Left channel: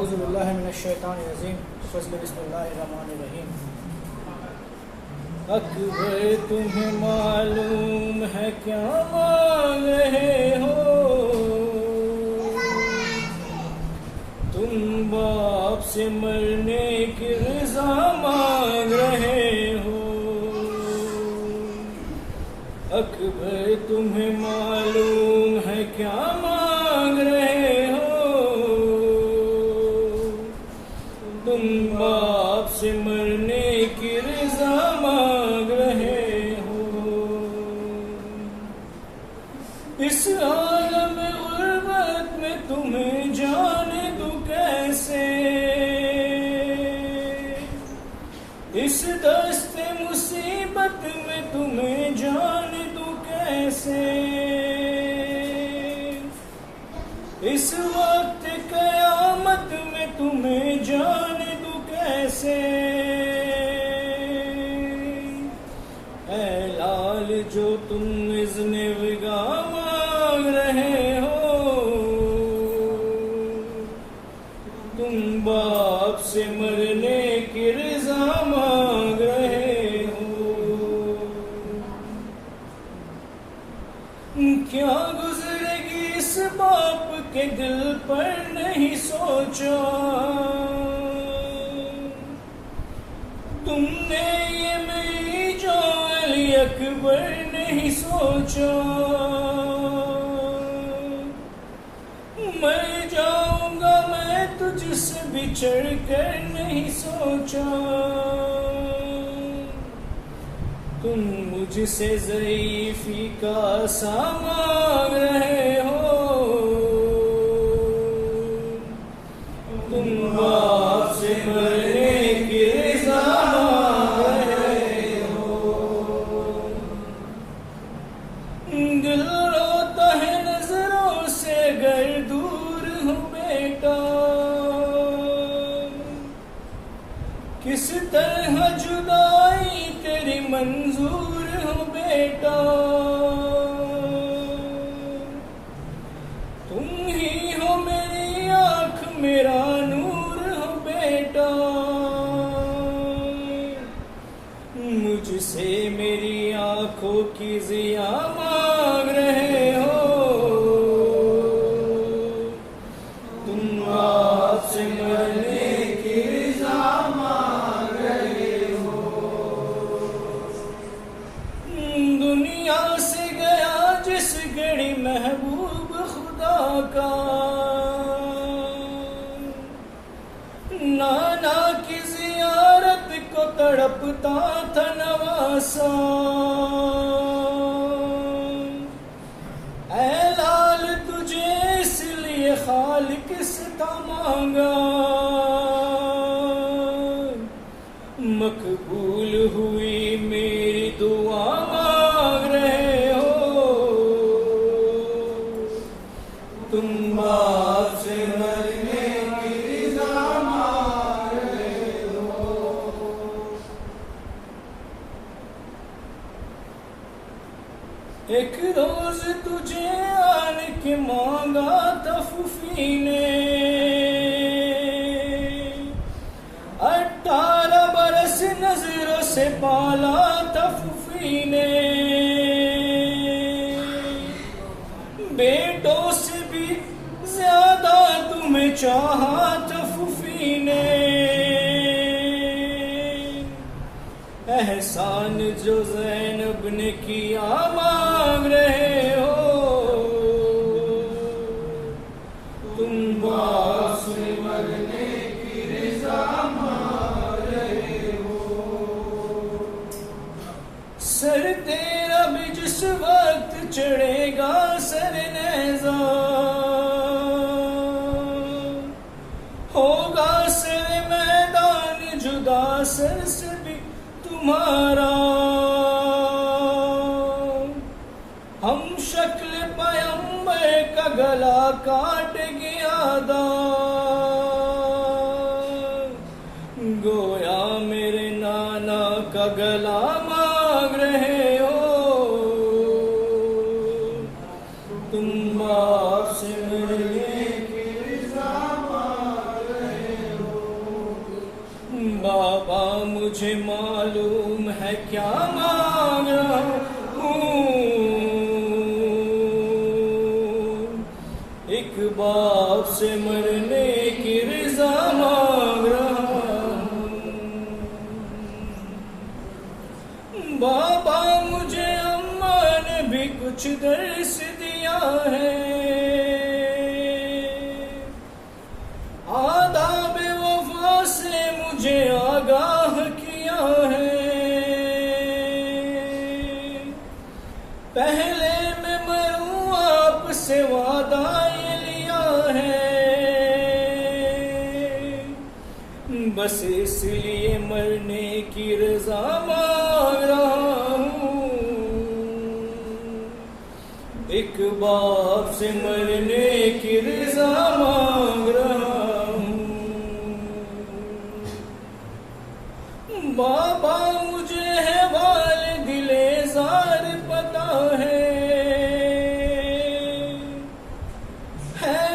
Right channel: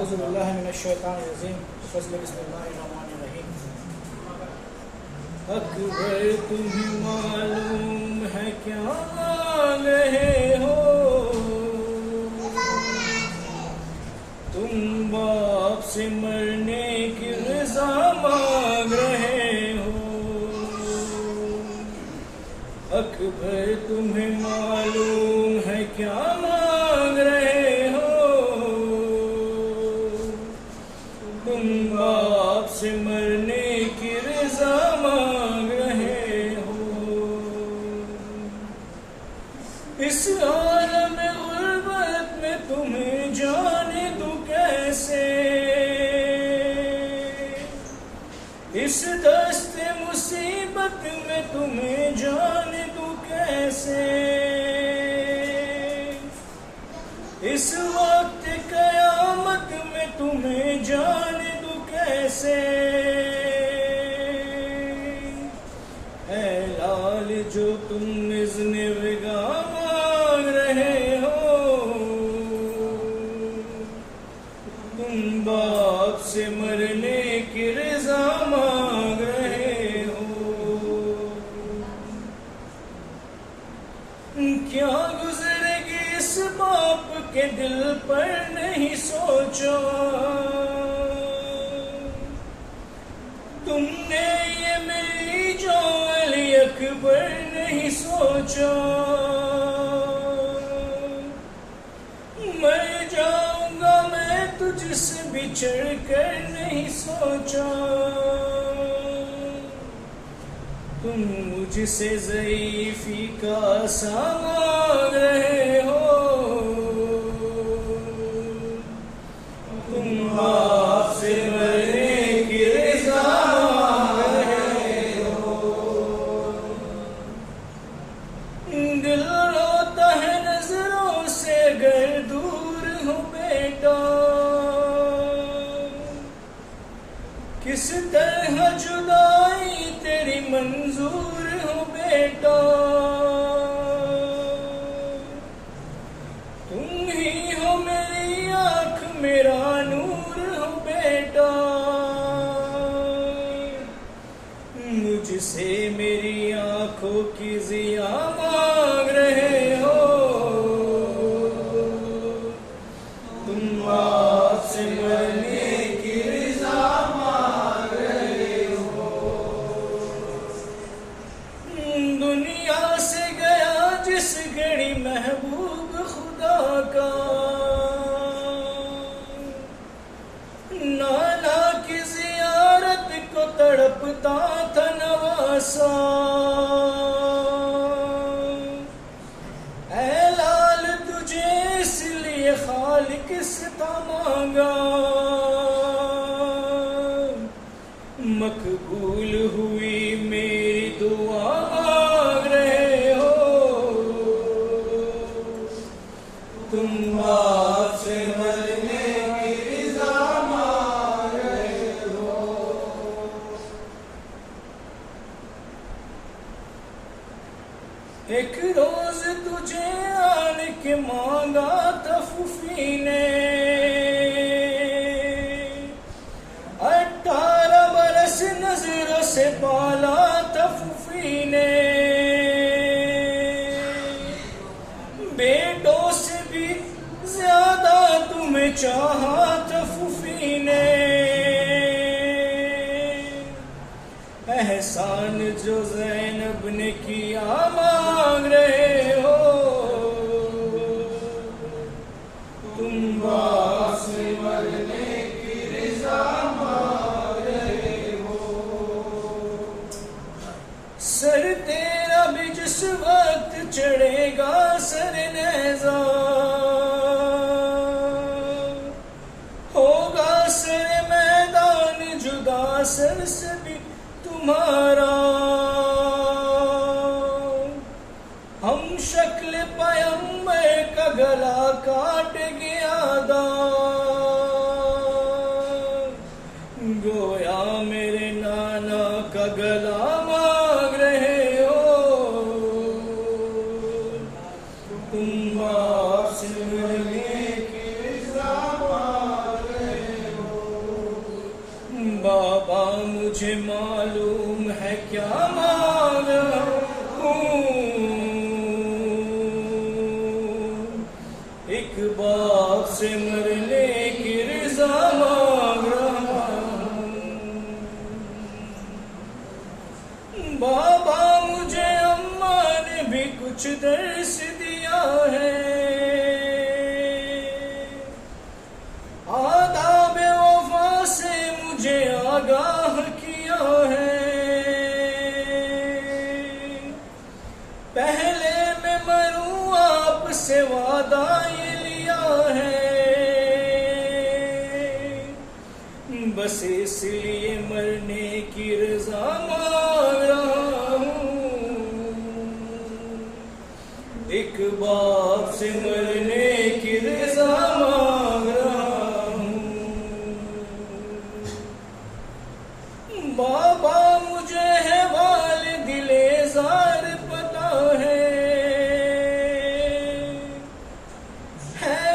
औज़ुबिल्लाहि मिनश्शैतानिर्रजीम बिस्मिल्लाहिर्रहमानिर्रहीम। अकबर तुम्हें मालूम है क्या मांग रहे हो, तुम बाप से मरने की रज़ा मांग रहे हो। अकबर तुम्हें मालूम है क्या मांग रहे हो, तुम बाप से मरने की रज़ा मांग रहे हो। इस आलम गुर्बत में तुम्हें जाने दूं कैसे, इस दस्ते मुसीबत में तुम्हें जाने दूं कैसे। इस वक्त कयामत में तुम्हें जाने दूं कैसे। ऐ लाल जो तुम इज़्न विगा मांग रहे हो, तुम बाप से मरने की रज़ा मांग रहे हो। क्या गुजरेगी इस बाप के दिल पर नहीं सोचा, तुमने ये मेरी जो अली अकबर नहीं सोचा। मर जाऊंगा मैं तुझसे बिछड़ कर नहीं सोचा, तुम मुझसे ज़ईफ़ी का सा मांग रहे हो, तुम बाप से मरने की रज़ा मांग रहे हो। दिल रोता है नजरों से अगर दूर हो बेटा, किस तरह जुदाई तेरी मंजूर हो बेटा। तुम ही हो मेरी आँख मेरा नूर हो बेटा, मुझसे मेरी आँखों की ज़िया मांग रहे हो, तुम बाप से मरने की रज़ा मांग रहे हो। दुनिया से गया जिस घड़ी महबूब खुदा का, नाना की ज़ियारत को तड़पता था नवासा। ऐ लाल तुझे इसलिए खालिक से था मांगा, मकबूल हुई मेरी दुआ मांग रहे हो, तुम बाप से मरने की रज़ा मांग रहे हो। एक रोज तुझे आन के मांगा था फूफी ने, 18 बरस नजरों से पाला था फूफी ने। बेटों से भी ज्यादा तुम्हें चाहा था फूफी ने। एहसान जो ज़ैनब ने किया मांग रहे हो, तुम बाप से मरने की रज़ा मांग रहे हो। सर तेरा भी जिस वक्त चढ़ेगा सर नेज़ा, होगा सर मैदान जुदा सर से भी तुम्हारा। हम शक्ल पैगंबर का गला काट गया दा, गोया मेरे नाना का गला मांग रहे हो, तुम बाप से मरने की रज़ा मांग रहे बाबा मुझे मालूम है क्या मांग रहा हूँ, एक बाप से मरने की रज़ा मांग रहा हूँ। बाबा मुझे अम्मा ने भी कुछ दर्स दिया है, आदाब वफा से मुझे आगाह किया है। पहले मैं मरूं आपसे वादा ये लिया है, बस इसलिए मरने की रज़ा मांग रहा हूँ, एक बाप से मरने की रज़ा मांग रहा हूँ। बाबा मुझे है वालिदिले ज़ार पता है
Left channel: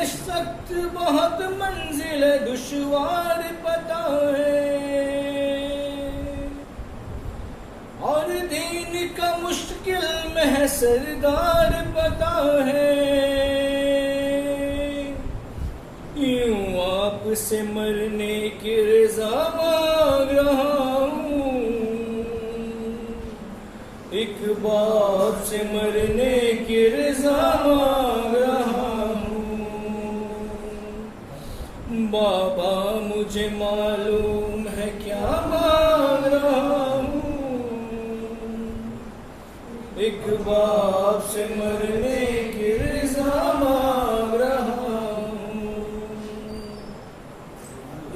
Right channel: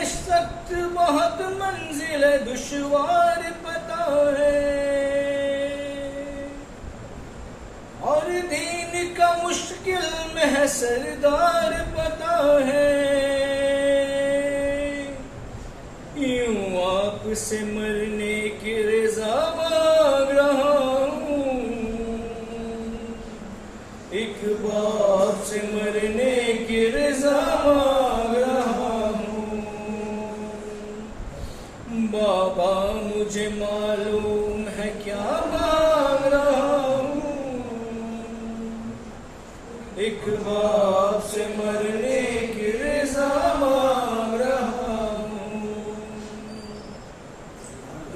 सख्त बहुत मंजिल दुश्वार पता है, और दीन का मुश्किल में है सरदार पता है। यूं आपसे मरने की रज़ा मांग रहा हूँ, एक बाप से मरने की रज़ा मांग रहा हूँ। बाबा मुझे मालूम है क्या मांग रहा हूँ, एक बाप से मरने की रज़ा मांग रहा हूँ।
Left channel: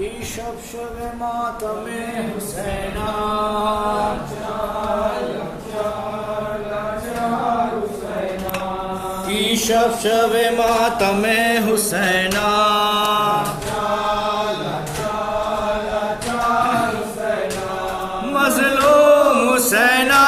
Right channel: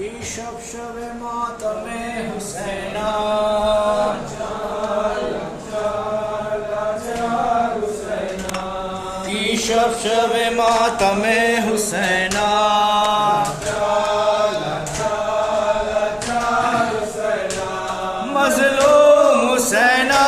ईशब शब मातमे हुसैना, ईशब शब मातमे हुसैना, मज़लूम हुसैना,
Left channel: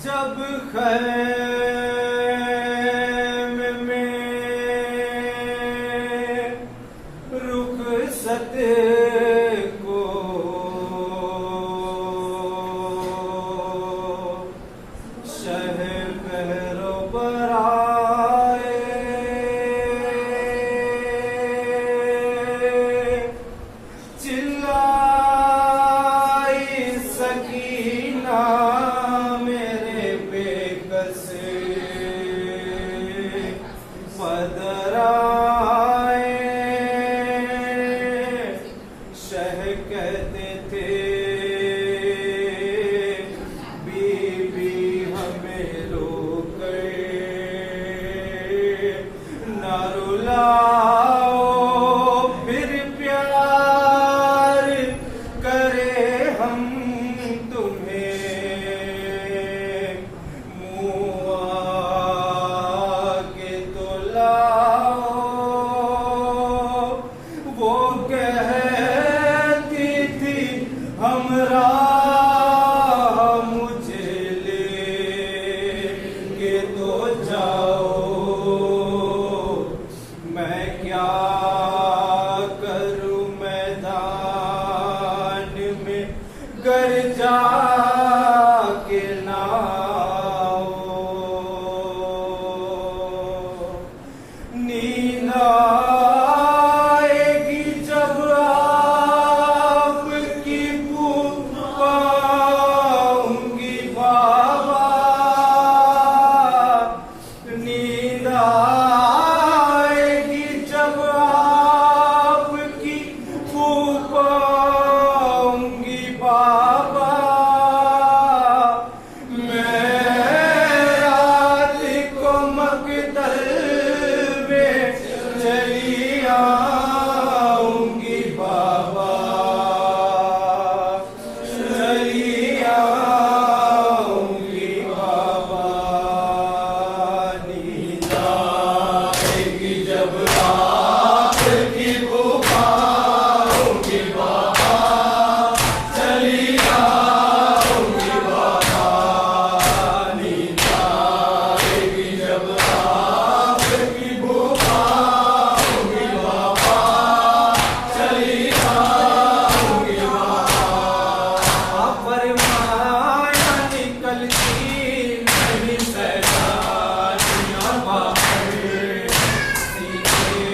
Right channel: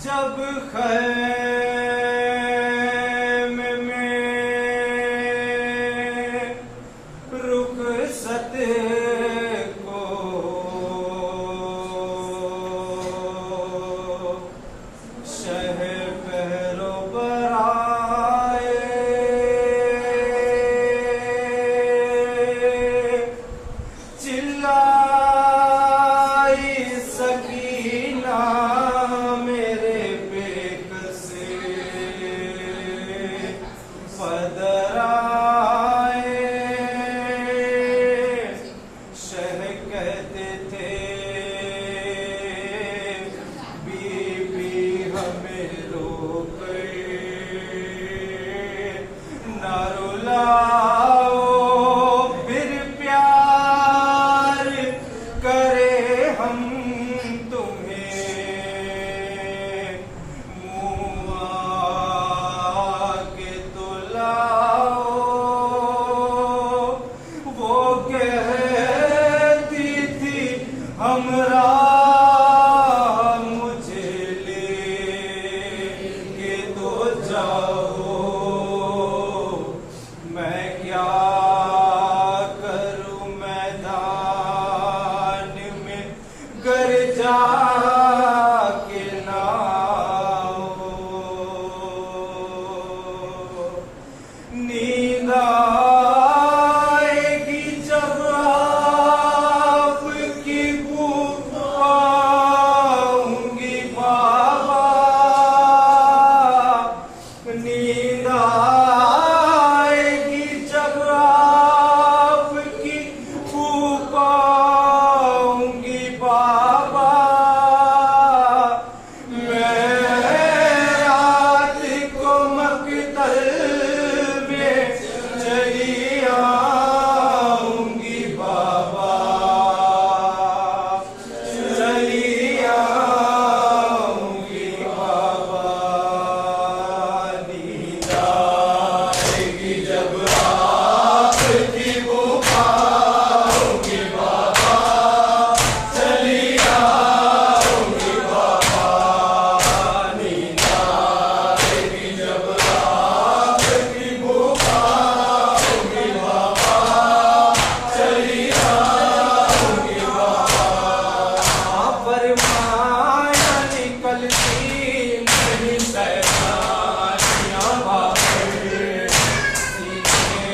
जब खैम में रुखसत को सकीना मेरे बेकसे पदराए। शह कहते थे बीबी हमें रोके ना रुलाओ, फिर प्यार करे हम तुम्हें मुँह आके तो लाओ। वो कहती थी हमरा मुझे लेके तो जाओ, मैं क्या करूं मैदान में घर जाके नाओ। नींद आएगी जब आपकी पाऊंगी बाबा, नींद आएगी जब आपकी पाऊंगी बाबा। मैं रात को मकदर में चली आऊंगी बाबा, चली आऊंगी बाबा। नींद आएगी जब आपकी पाऊंगी बाबा, चली आऊंगी बाबा। नींद आएगी जब आपकी पाऊंगी बाबा, चली आऊंगी बाबा। फरमाया निकलती नहीं सैलानियाँ बाहर, सीने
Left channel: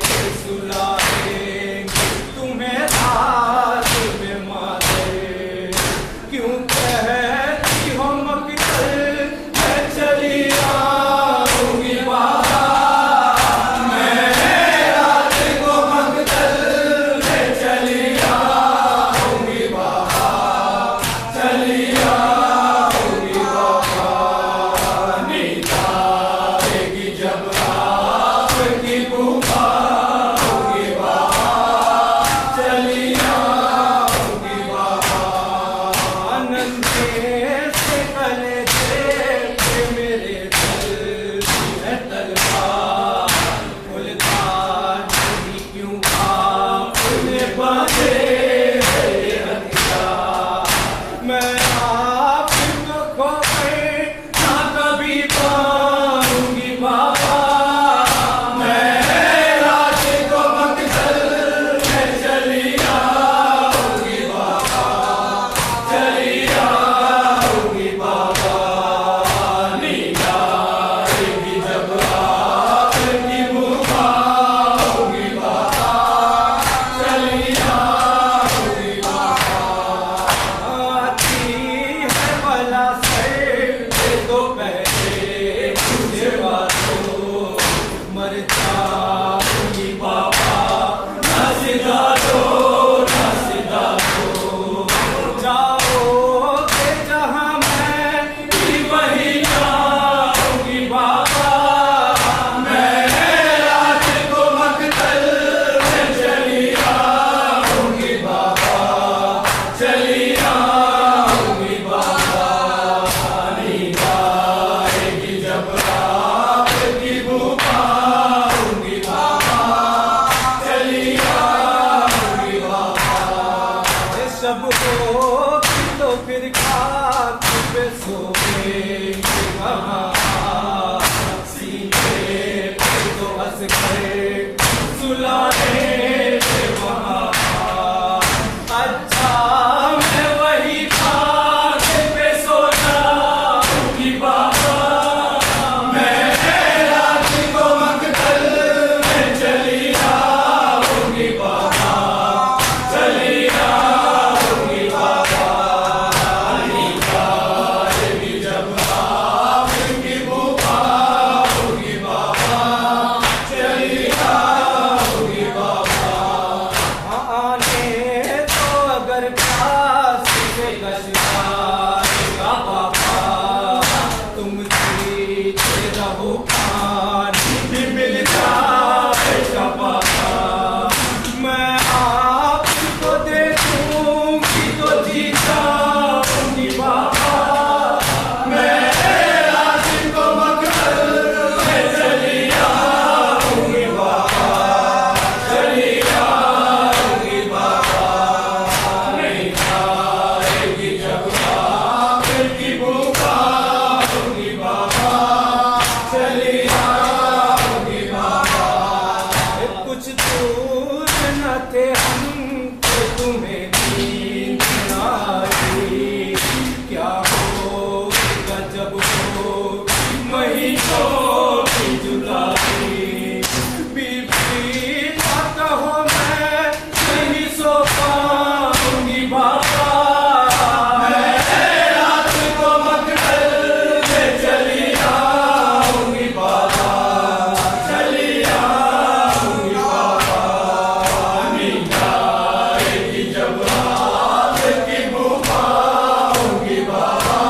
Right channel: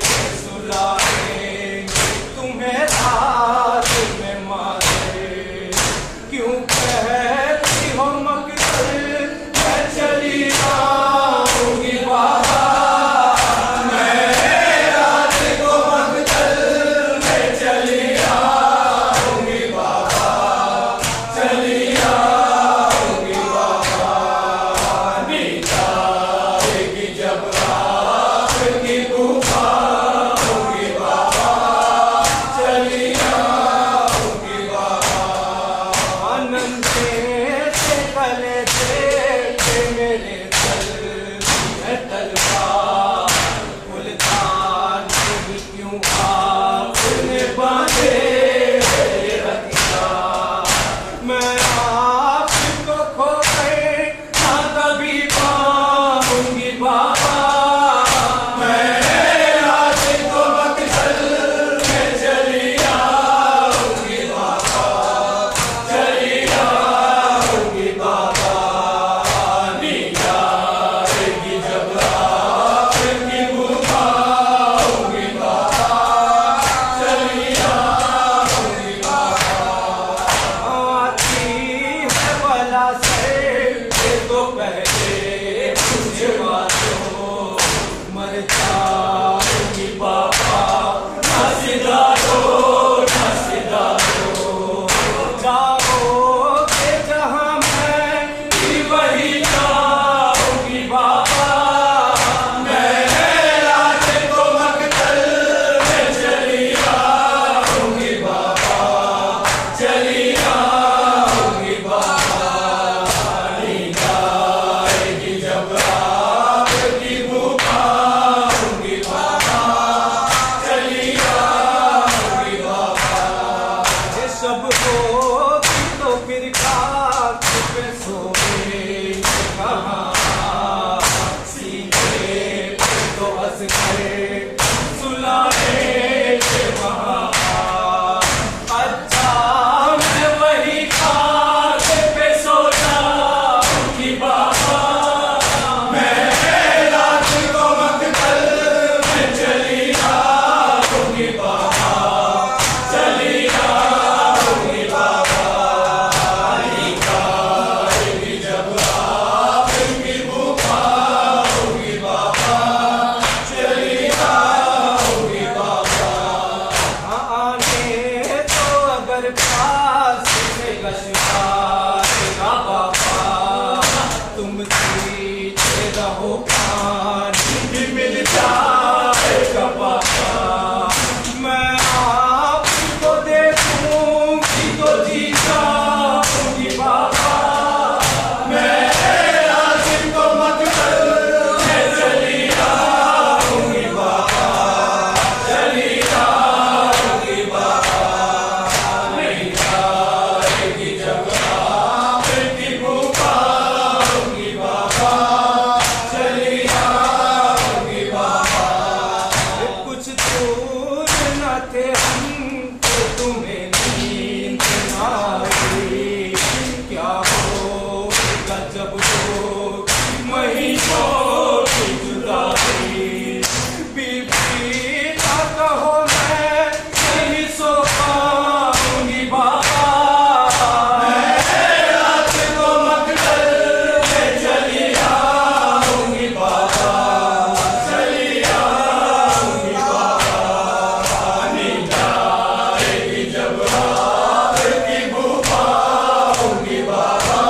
पे सुलाएंगे तुम्हें रात में मारे। क्यों कहती हो मकदर मैं चली आऊंगी बाबा, मैं रात को मकदर में चली आऊंगी बाबा, चली आऊंगी बाबा। नींद आएगी जब आपकी पाऊंगी बाबा, चली आऊंगी बाबा। आनंद से गले थे मेरे दिल है तलवार, मुल्तान नहीं क्यों आपने बांधे मेरे हथियार। मैं आपको खो गए ना कभी पाऊंगी बाबा, मैं रात को मकदर में चली आऊंगी बाबा, चली आऊंगी जाएगा बाबा, तुम सीधे रहो पानी मिल जाएगा बाबा। मैं आपको देखूंगी तो जीता हूँगी बाबा, मैं आसिम को मकसद में चली आऊंगी बाबा, चली आऊंगी बाबा। नहीं आएगी जब आपकी पुकारूंगी बाबा, चली आऊंगी बाबा। कुछ दूर न थे हम तो तुम्हें नींद न आई, क्या होगा जब होगी महीनों की जुदाई। बीबी ना कहो मैं नहीं सो पाऊंगी बाबा, मैं रात को मकतल में चली आऊंगी बाबा, चली आऊंगी बाबा। नींद आएगी जब आपकी पुकारूंगी बाबा,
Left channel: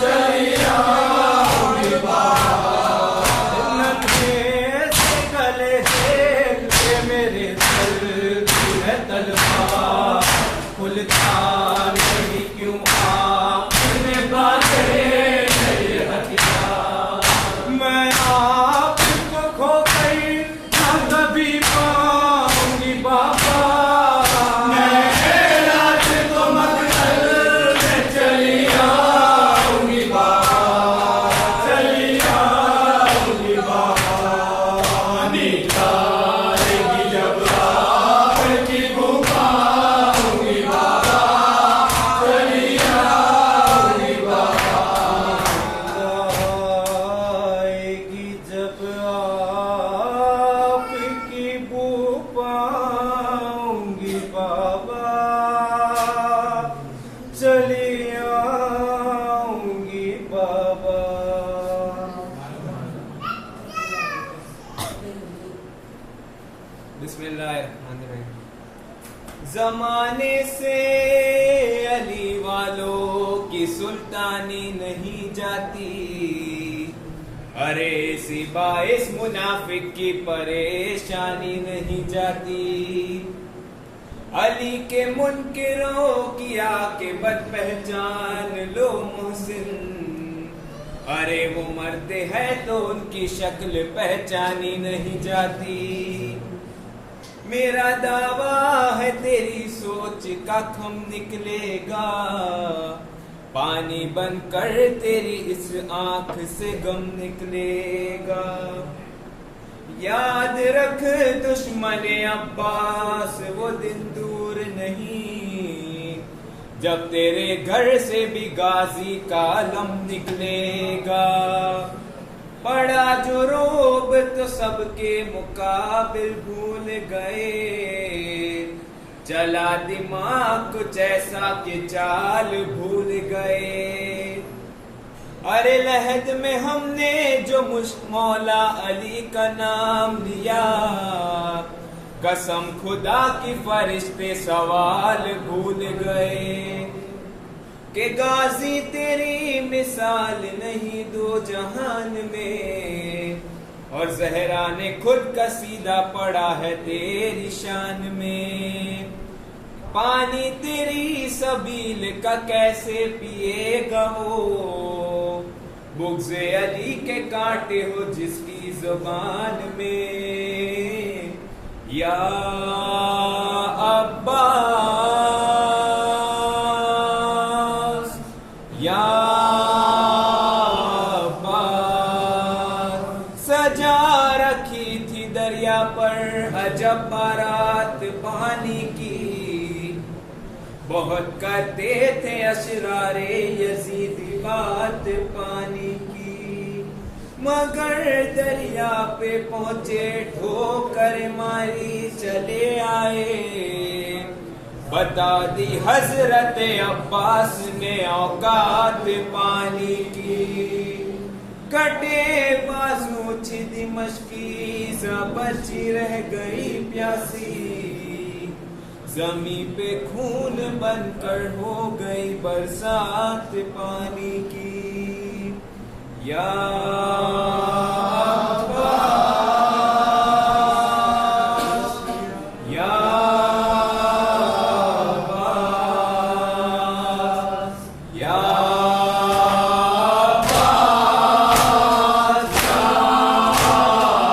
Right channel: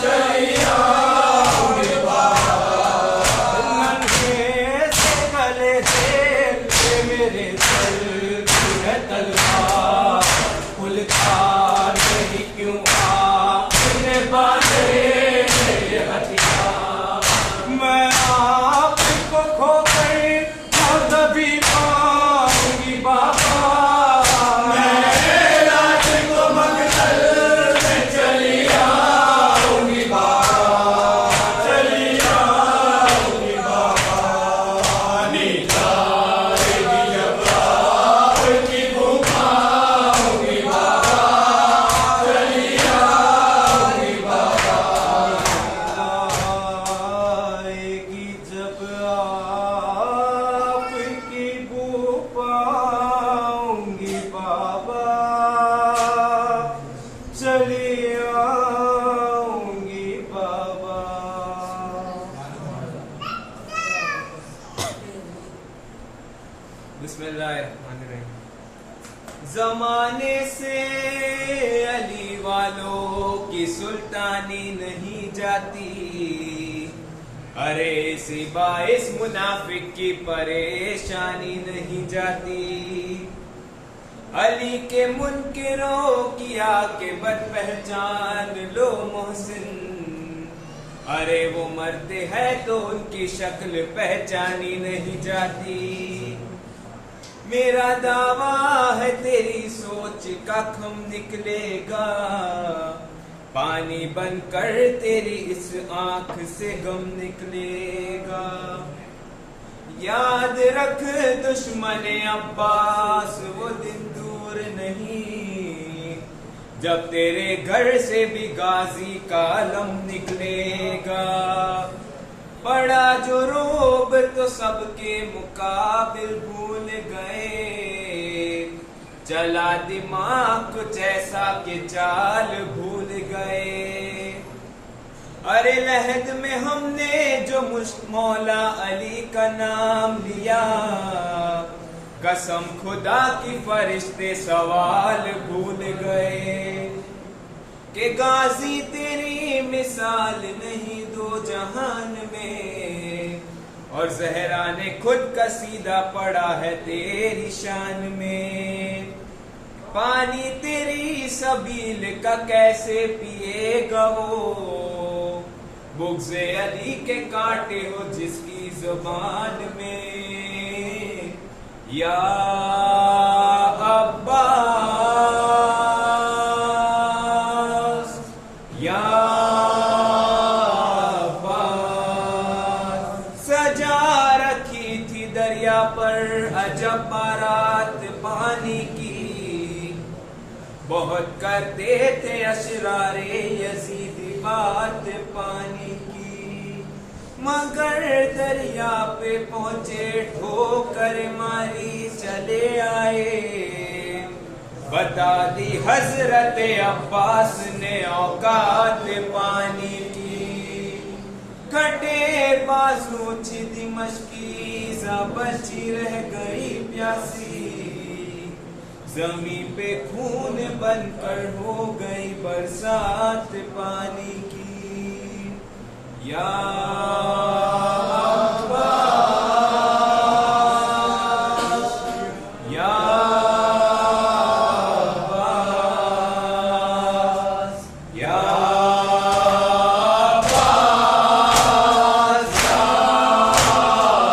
चली आऊंगी बाबा। नन्हे से गले से मेरे दिल है तलवार, फुलकार नहीं क्यों आपने बांधे मेरे हथियार। मैं आपको खोकर न कभी पाऊंगी बाबा, मैं रात को मकतल में चली आऊंगी बाबा, चली आऊंगी बाबा। नींद आएगी जब आपकी पुकारूंगी बाबा, चली आऊंगी बाबा। आएगी जब आपकी पुकारूंगी बाबा, चली आऊंगी बाबा। बिस्मिल्लाहिर्रहमानिर्रहीम। जमाने से अली वालों की सुल्तानी नहीं जाती, अरे इसी बाइस मुनाफिक की परेशानी नहीं जाती। अली के मुनकिरों की आके बद पहचान लो मोहसिन, अरे वो मरते हैं तो उनकी शक्ल पहचानी नहीं जाती। मेरा दावा है तेरी सोच का खम निकलेगा, पानी बनकर तेरी इस आंख से गम निकलेगा। याद रख दुश्मन अब्बास वो दिन दूर नहीं, जब तेरे घर से भी गाजी का लम निकलेगा। बड़ा जो रोब तो सबके मुकाबिल भूल गए, चला दिमाग कुछ ऐसा कि चाल भूल गए। अरे लहद में हमने जो मौला अली का नाम लिया, कसम खुदा की फरिश्ते सवाल भूल गए। कि गाजी तेरी मिसाल नहीं दो जहान में, और जहरा ने खुद कसीदा पड़ा है तेरी शान में। पानी तेरी सबील का कैसे पिएगा वो, बुग़्ज़े अली के कांटे हो जिसकी जुबान में। या अब्बास, या अब्बास। सजा रखी थी दरिया पर अजब बारात पानी की, बहुत करते थे अशरारे यजीदी बात पानी की। मगर दरिया पे पहुंचे ठोकर मारी चले आए, बता दी हजरत अब्बास ने औकात पानी की। कटे बाजू थी दिमश्की सा बची रह गई प्यासी, जमी पे खून बनकर हो गई बरसात पानी की। या अब्बास, या अब्बास, या अब्बास, या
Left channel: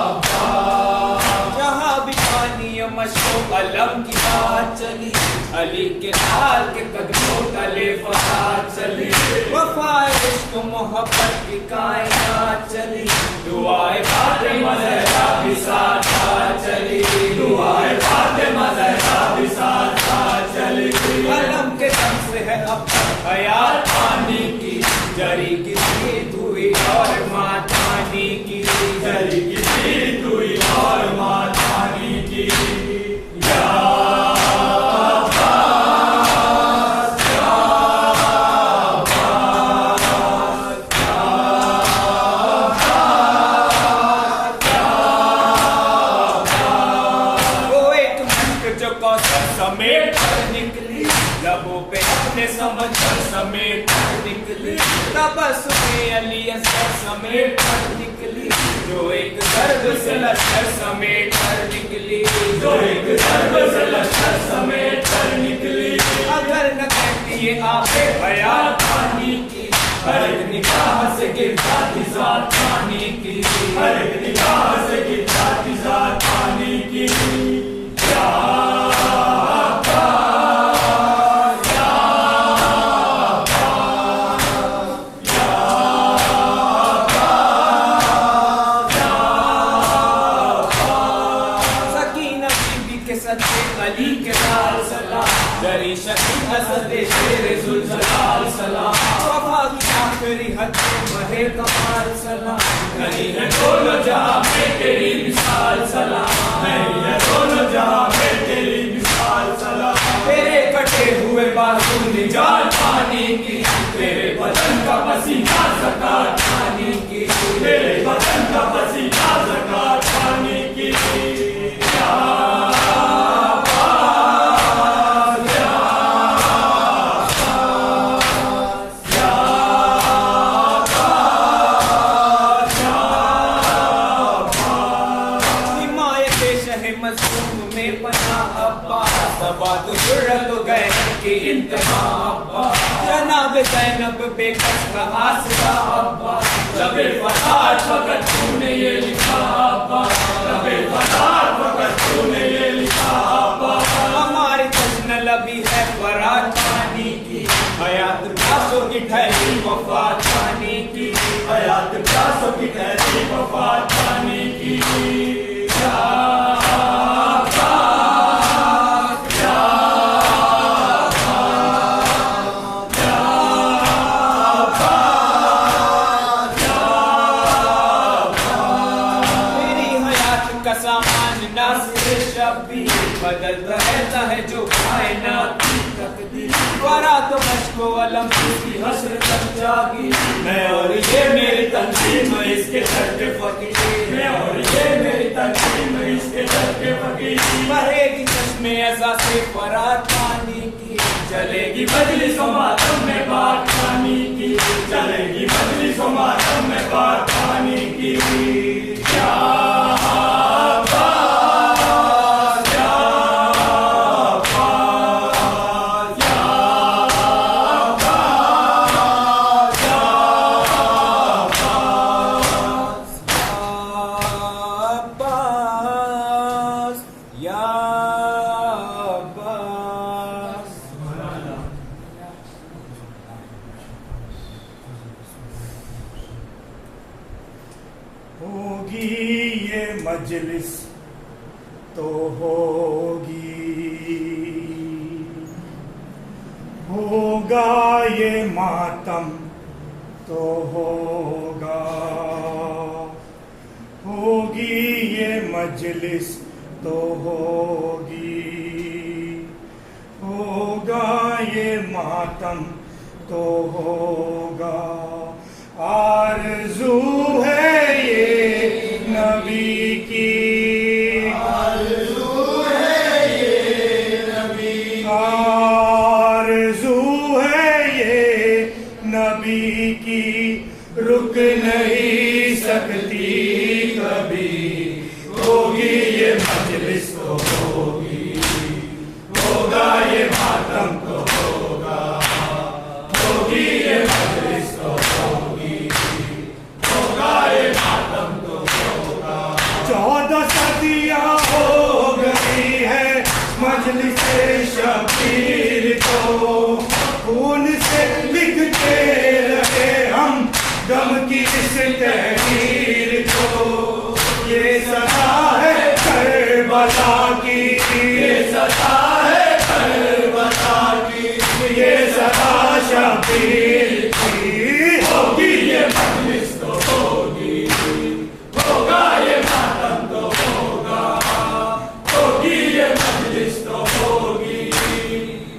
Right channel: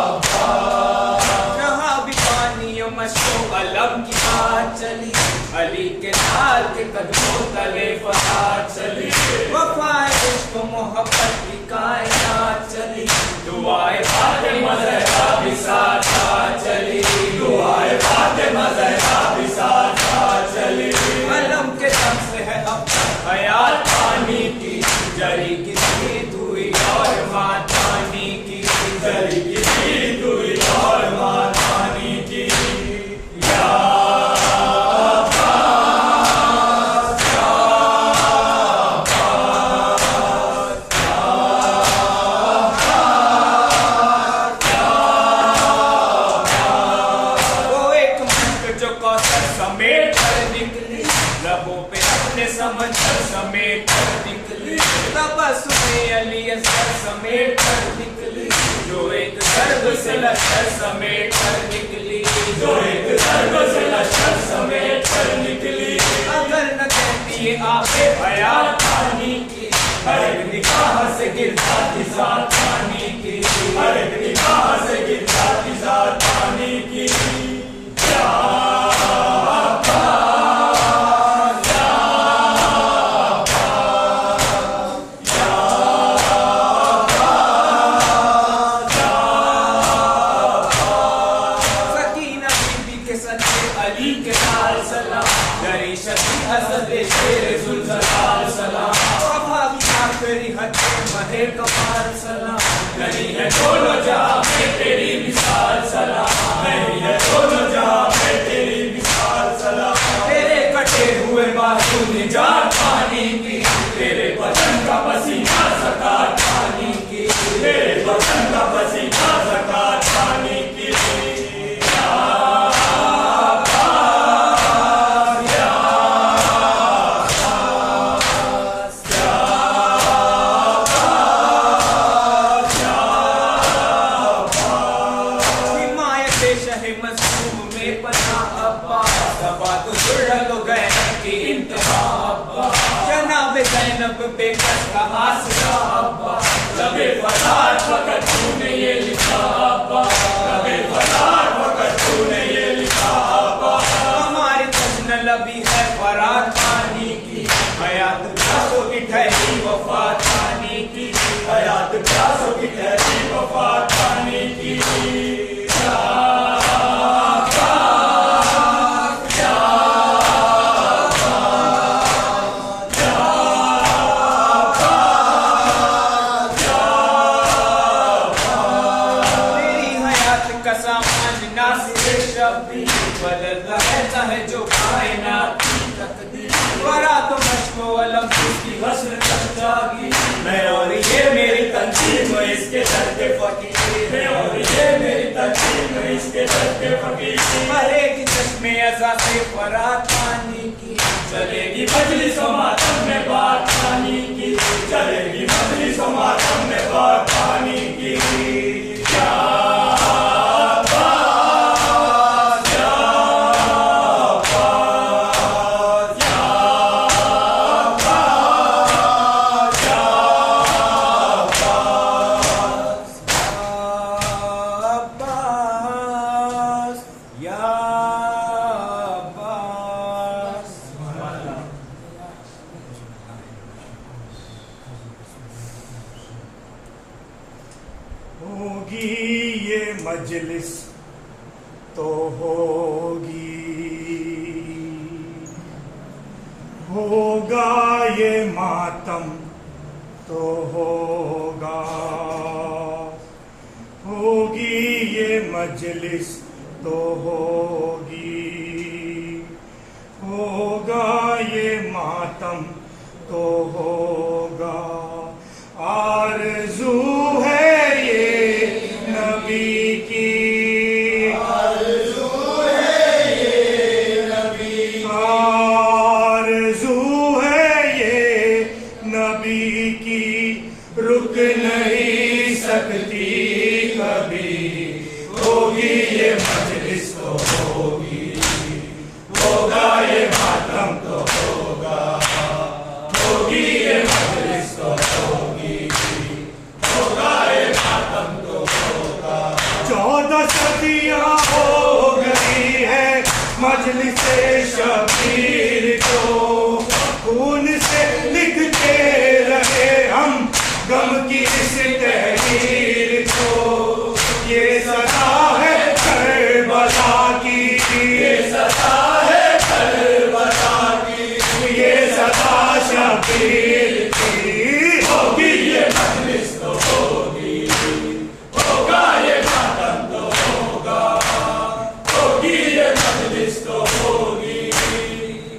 अब्बास। जहाँ भी पानी मशको अलम की बात चली, अली के लाल के कदमों तले फसाद चली। वफाए इश्क मोहब्बत की कायनात चली, दुआए फातिमा ज़हरा भी साथ साथ चली, दुआए फातिमा ज़हरा भी साथ साथ चली। अलम के दम से है अब तक हयात पानी की, जरी की जीत हुई और मात पानी की, जरी की जीत हुई और मात पानी की। या समेट कर निकली, लबों पे अपने समझ कर समेट कर निकली, तबस्सुमे अली असगर समेट कर निकली, जो एक दर्द से लश्कर समेट कर निकली, जो एक दर्द से लश्कर समेट कर निकली। अगर न कहती ये आंखें हयात पानी की, हर एक निगाह से गिरता थी ज़ात पानी की, हर एक निगाह से गिरता थी ज़ात पानी की। अली के लाल सलाम, दरी शकी हसद शेर ज़ुल्ज़लाल सलाम, वफा की आखिरी हद पे महे कमाल सलाम। नहीं है दोनों जहां में तेरी मिसाल सलाम, नहीं है दोनों जहां में तेरी मिसाल सलाम। तेरे कटे हुए बाजू निजात पानी की, तेरे बदन का पसीना ज़कात पानी की, तेरे बदन का पसीना ज़कात पानी की। मज़लूम में पनाह अब्बास, तबादु जुर्रत गए की इंतहा अब्बास, जनाब ज़ैनब बेकस का आसरा अब्बास, लबे फसाद फकत तूने ये लिखा अब्बास, लबे फसाद फकत तूने ये लिखा अब्बास। हमारी जश्न लबी है फरात पानी की, हयात प्यासों की ठहरी वफात पानी की, हयात प्यासों की ठहरी वफात पानी की। बदलता रहता है जो कायनात की तकदीर, वरा तो मश्को अलम की हस्र तक जागी। मैं और ये मेरी तंजीम इसके दर के फकीर, मैं और ये मेरी तंजीम इसके दर के फकीर। बहेगी चश्मे अज़ा से फरात पानी की, चलेगी मजलिस व मातम में बात पानी की, चलेगी मजलिस व मातम में बात पानी की। क्या होगी ये मजलिस तो होगी, होगा ये मातम तो होगा, होगी ये मजलिस तो होगी, होगा ये मातम तो होगा। आरज़ू है ये नबी की, आरज़ू है ये नबी नबी की रुक नहीं सकती कभी। होगी ये मजलिस तो होगी, होगा ये मातम तो होगा। होगी ये मजलिस तो होगी, होगा ये मातम तो होगा। 14 सदियां हो गई है मजलिस शबीर को, खून से लिखते रहे हम गम की इस तहरीर को। ये सदा है करबला की, ये सदा है करबला की, ये सदा शबीर की। होगी ये मजलिस तो होगी, होगा ये मातम तो होगा। होगी ये मजलिस तो होगी,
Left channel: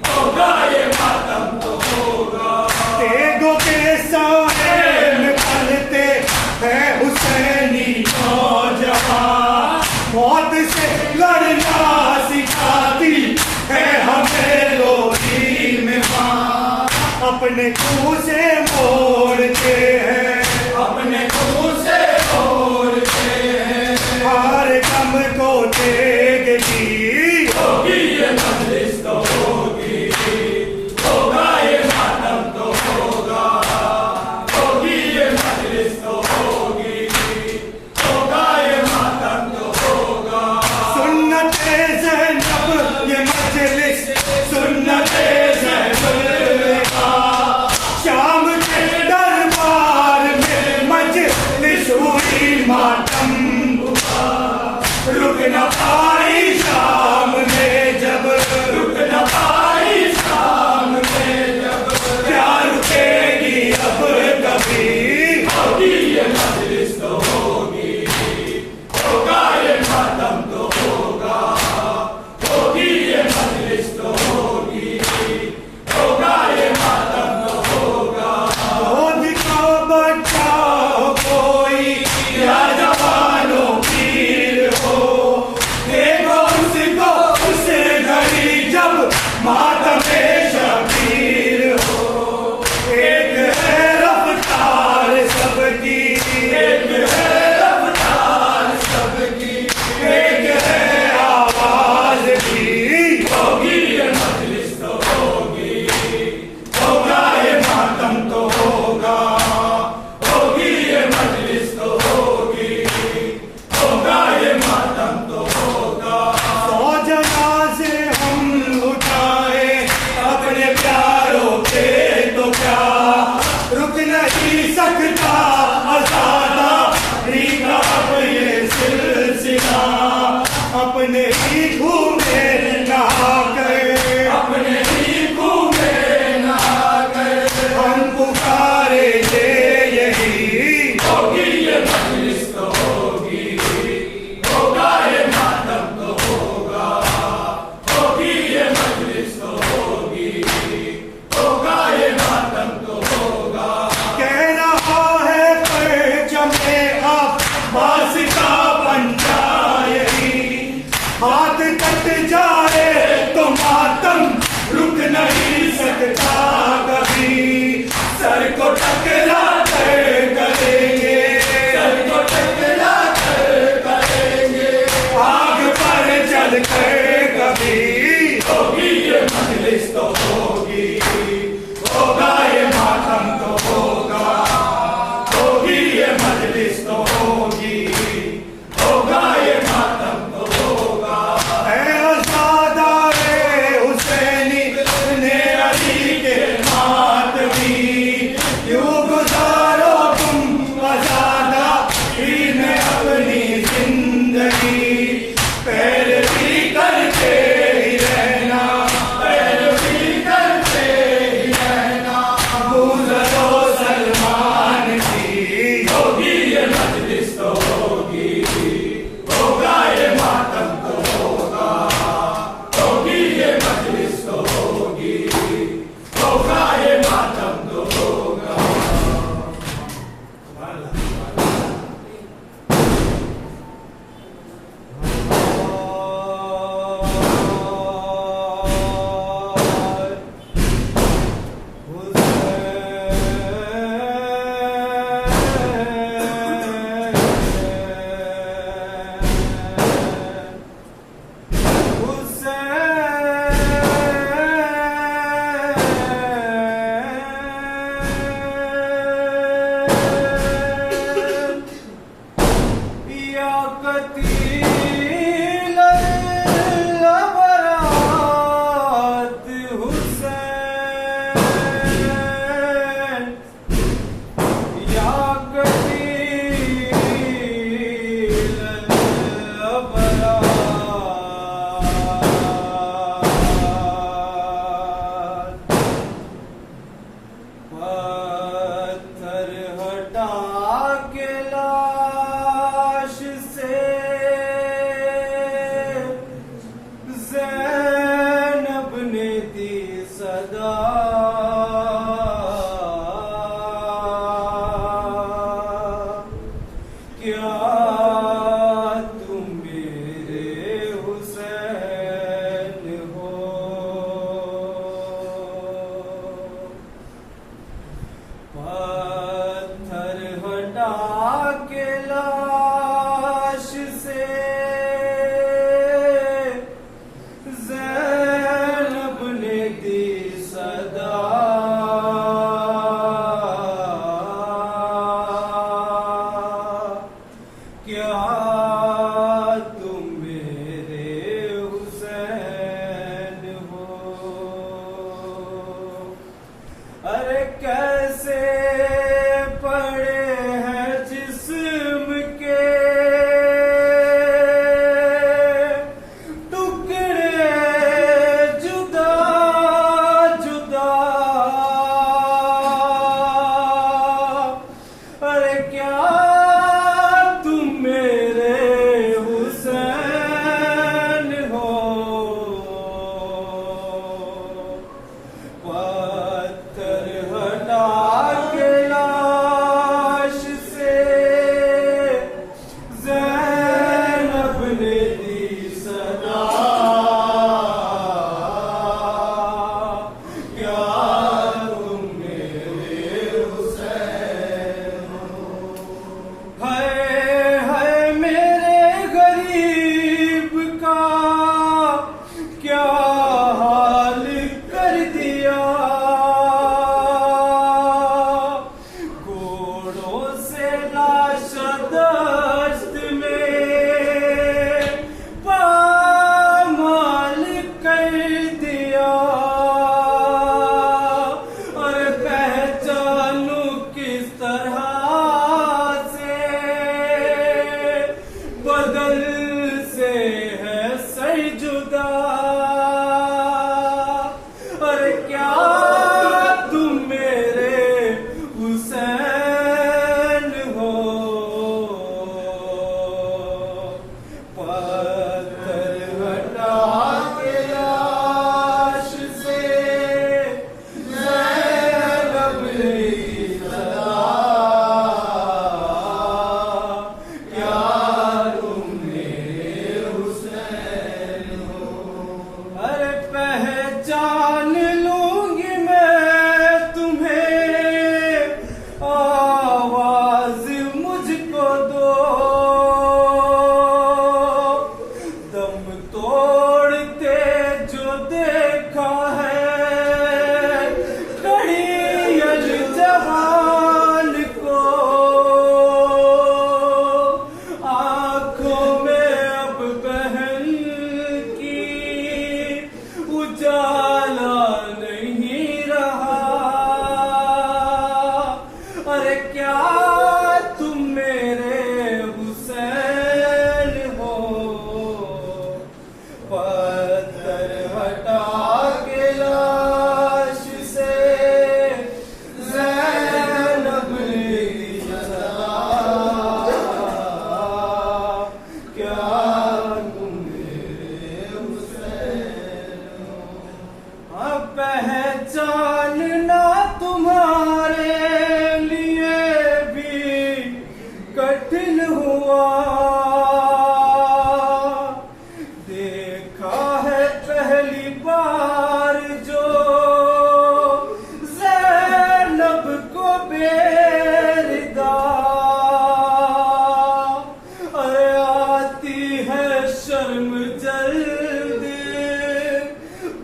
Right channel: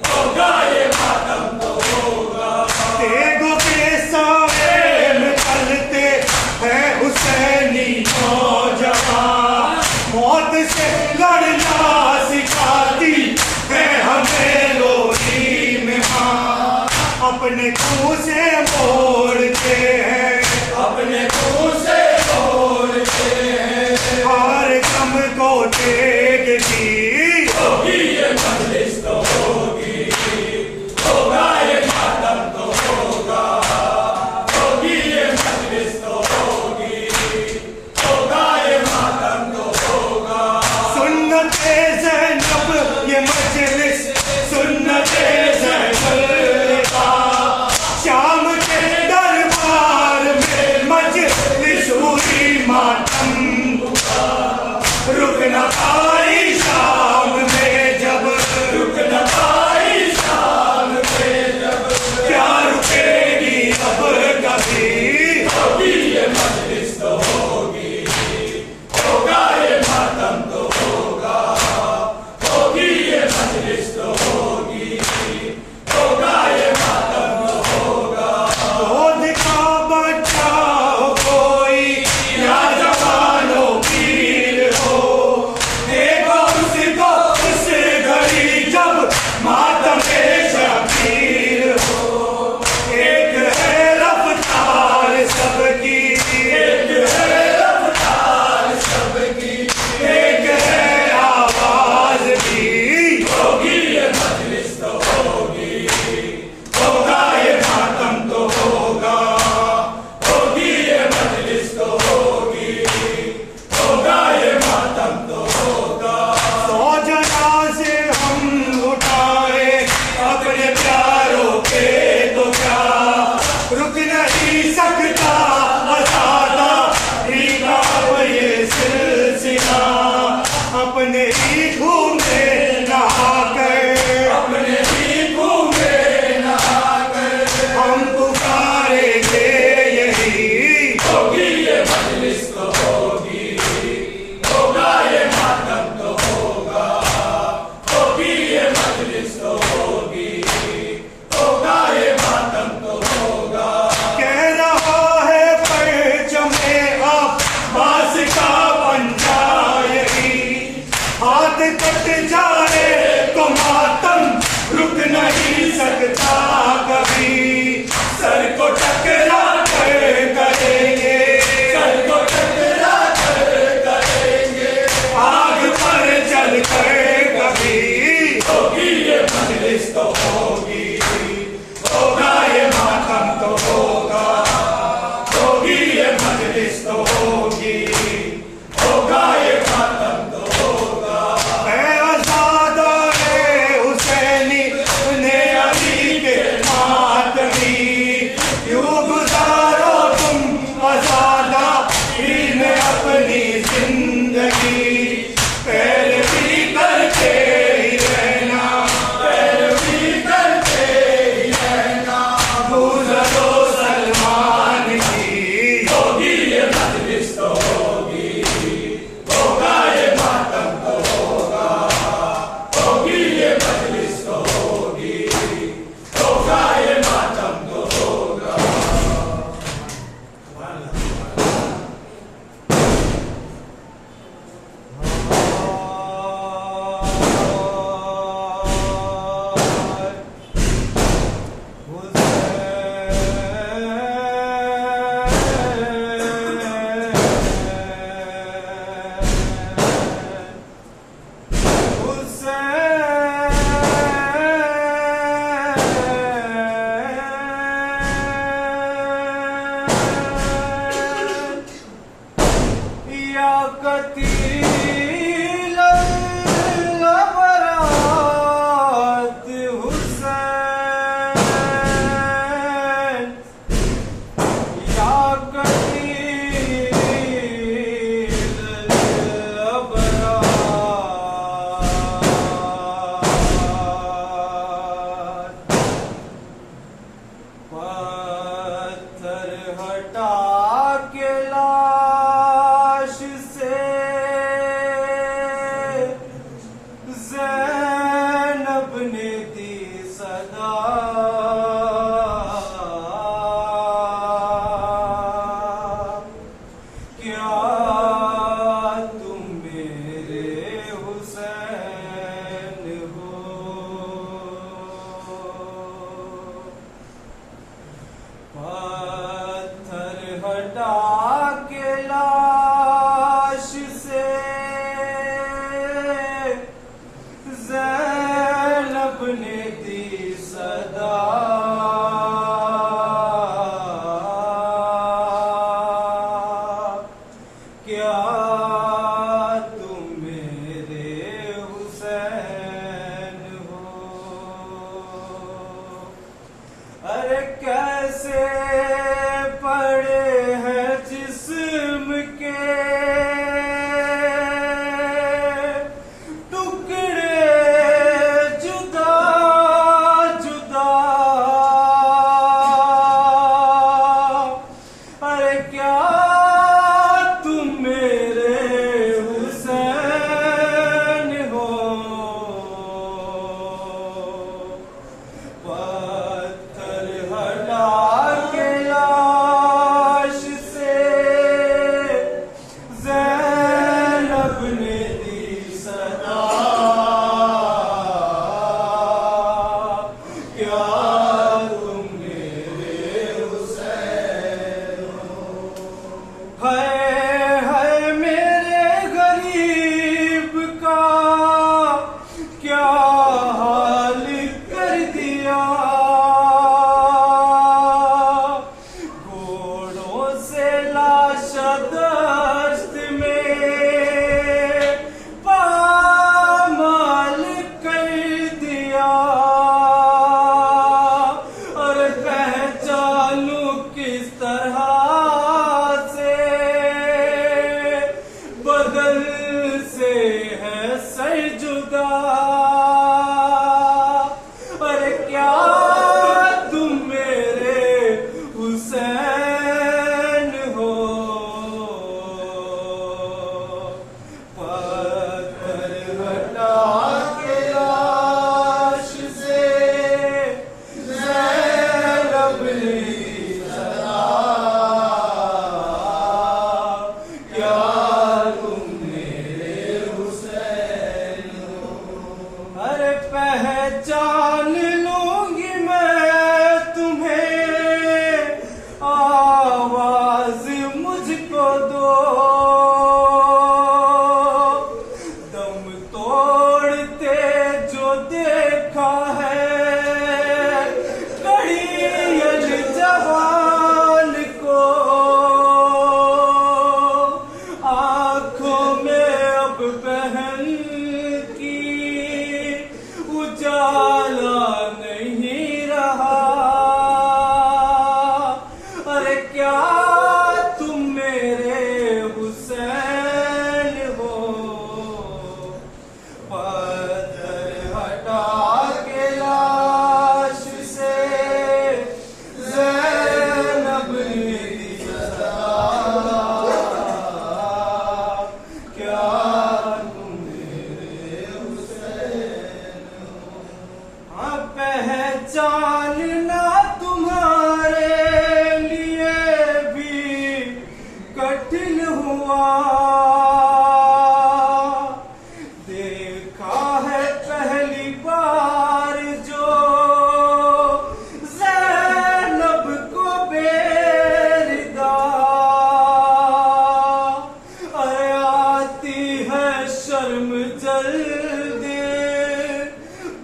होगा ये मातम तो होगा। तेगों के साए में पलते हैं हुसैनी नौजवान, मौत से लड़ना सिखाती है हमें लोरी में माँ। अपने मुंह से मोड़ते हैं, अपने मुंह से मोड़ते हैं हर गम को तेग की। होगी ये मजलिस तो होगी, होगा ये मातम तो होगा। होगी ये मजलिस तो होगी, होगा ये मातम तो होगा। सुन्नते ज़ैनब ये मजलिस, सुन्नते ज़ैनब का शाम के दरबार में मजलिस हुई मातम का। रुक न पाई शाम में जब, रुक न पाई शाम में जब, क्या रुकेगी अब कभी। होगी ये मजलिस तो होगी, होगा ये मातम तो होगा। होगी ये मजलिस तो होगी, होगा ये मातम तो होगा। दूध का बच्चा हो कोई या जवानो पीर हो, देखो उसको उस घड़ी जब मातम शबीर हो। एक है रफ्तार सबकी, एक है रफ्तार सबकी, एक है आवाज भी। होगी ये मजलिस तो होगी, होगा ये मातम तो होगा। होगी ये मजलिस तो होगी, होगा ये मातम तो होगा। 100 जनाज़े हम उठाए अपने प्यारों के तो क्या, रुक नहीं सकता अज़ादा रीगा ये सिलसिला। अपने ही घूमे नहा कर, अपने ही घूमे नहा कर हम पुकारेंगे यही। होगी ये मजलिस तो होगी, होगा ये मातम तो होगा। होगी ये मजलिस तो होगी, होगा ये मातम तो होगा। कह रहा है पत्थर हटा के लाश से ज़ैनब ने दी सदा। क्या तुम मेरे हुसैन हो? अरे कैसे पड़े हैं जिस्म के टुकड़े जुदा जुदा। अरे क्या तुम मेरे हुसैन हो? पत्थर हटा के लाश से ज़ैनब ने दी सदा। क्या तुम मेरे हुसैन हो? हाय मेरे गरीब का क्या हाल कर दिया। घोड़ों से लाशा दस्त में पामाल कर दिया। और पहचानू किस तरह से बदल से है सर जुदा। और क्या तुम मेरे हुसैन हो? पत्थर हटा के लाश से ज़ैनब ने दी सदा। क्या तुम मेरे हुसैन हो? अरे पहचान लूंगी मैं तुम्हें, आवाज मुझको दो। दम तोड़ते जो देखा है कड़ियल जवान को। आंखों में अब बहन की उजाला नहीं रहा। अरे क्या तुम मेरे हुसैन हो? पत्थर हटा के लाश से ज़ैनब ने दी सदा। क्या तुम मेरे हुसैन हो? हाँ, पहचानना तुम्हारे लिए भी कठिन हुआ। देखा है पहली बार जो ज़ैनब को बेरिदा। अरे आती है शर्म जल्दी,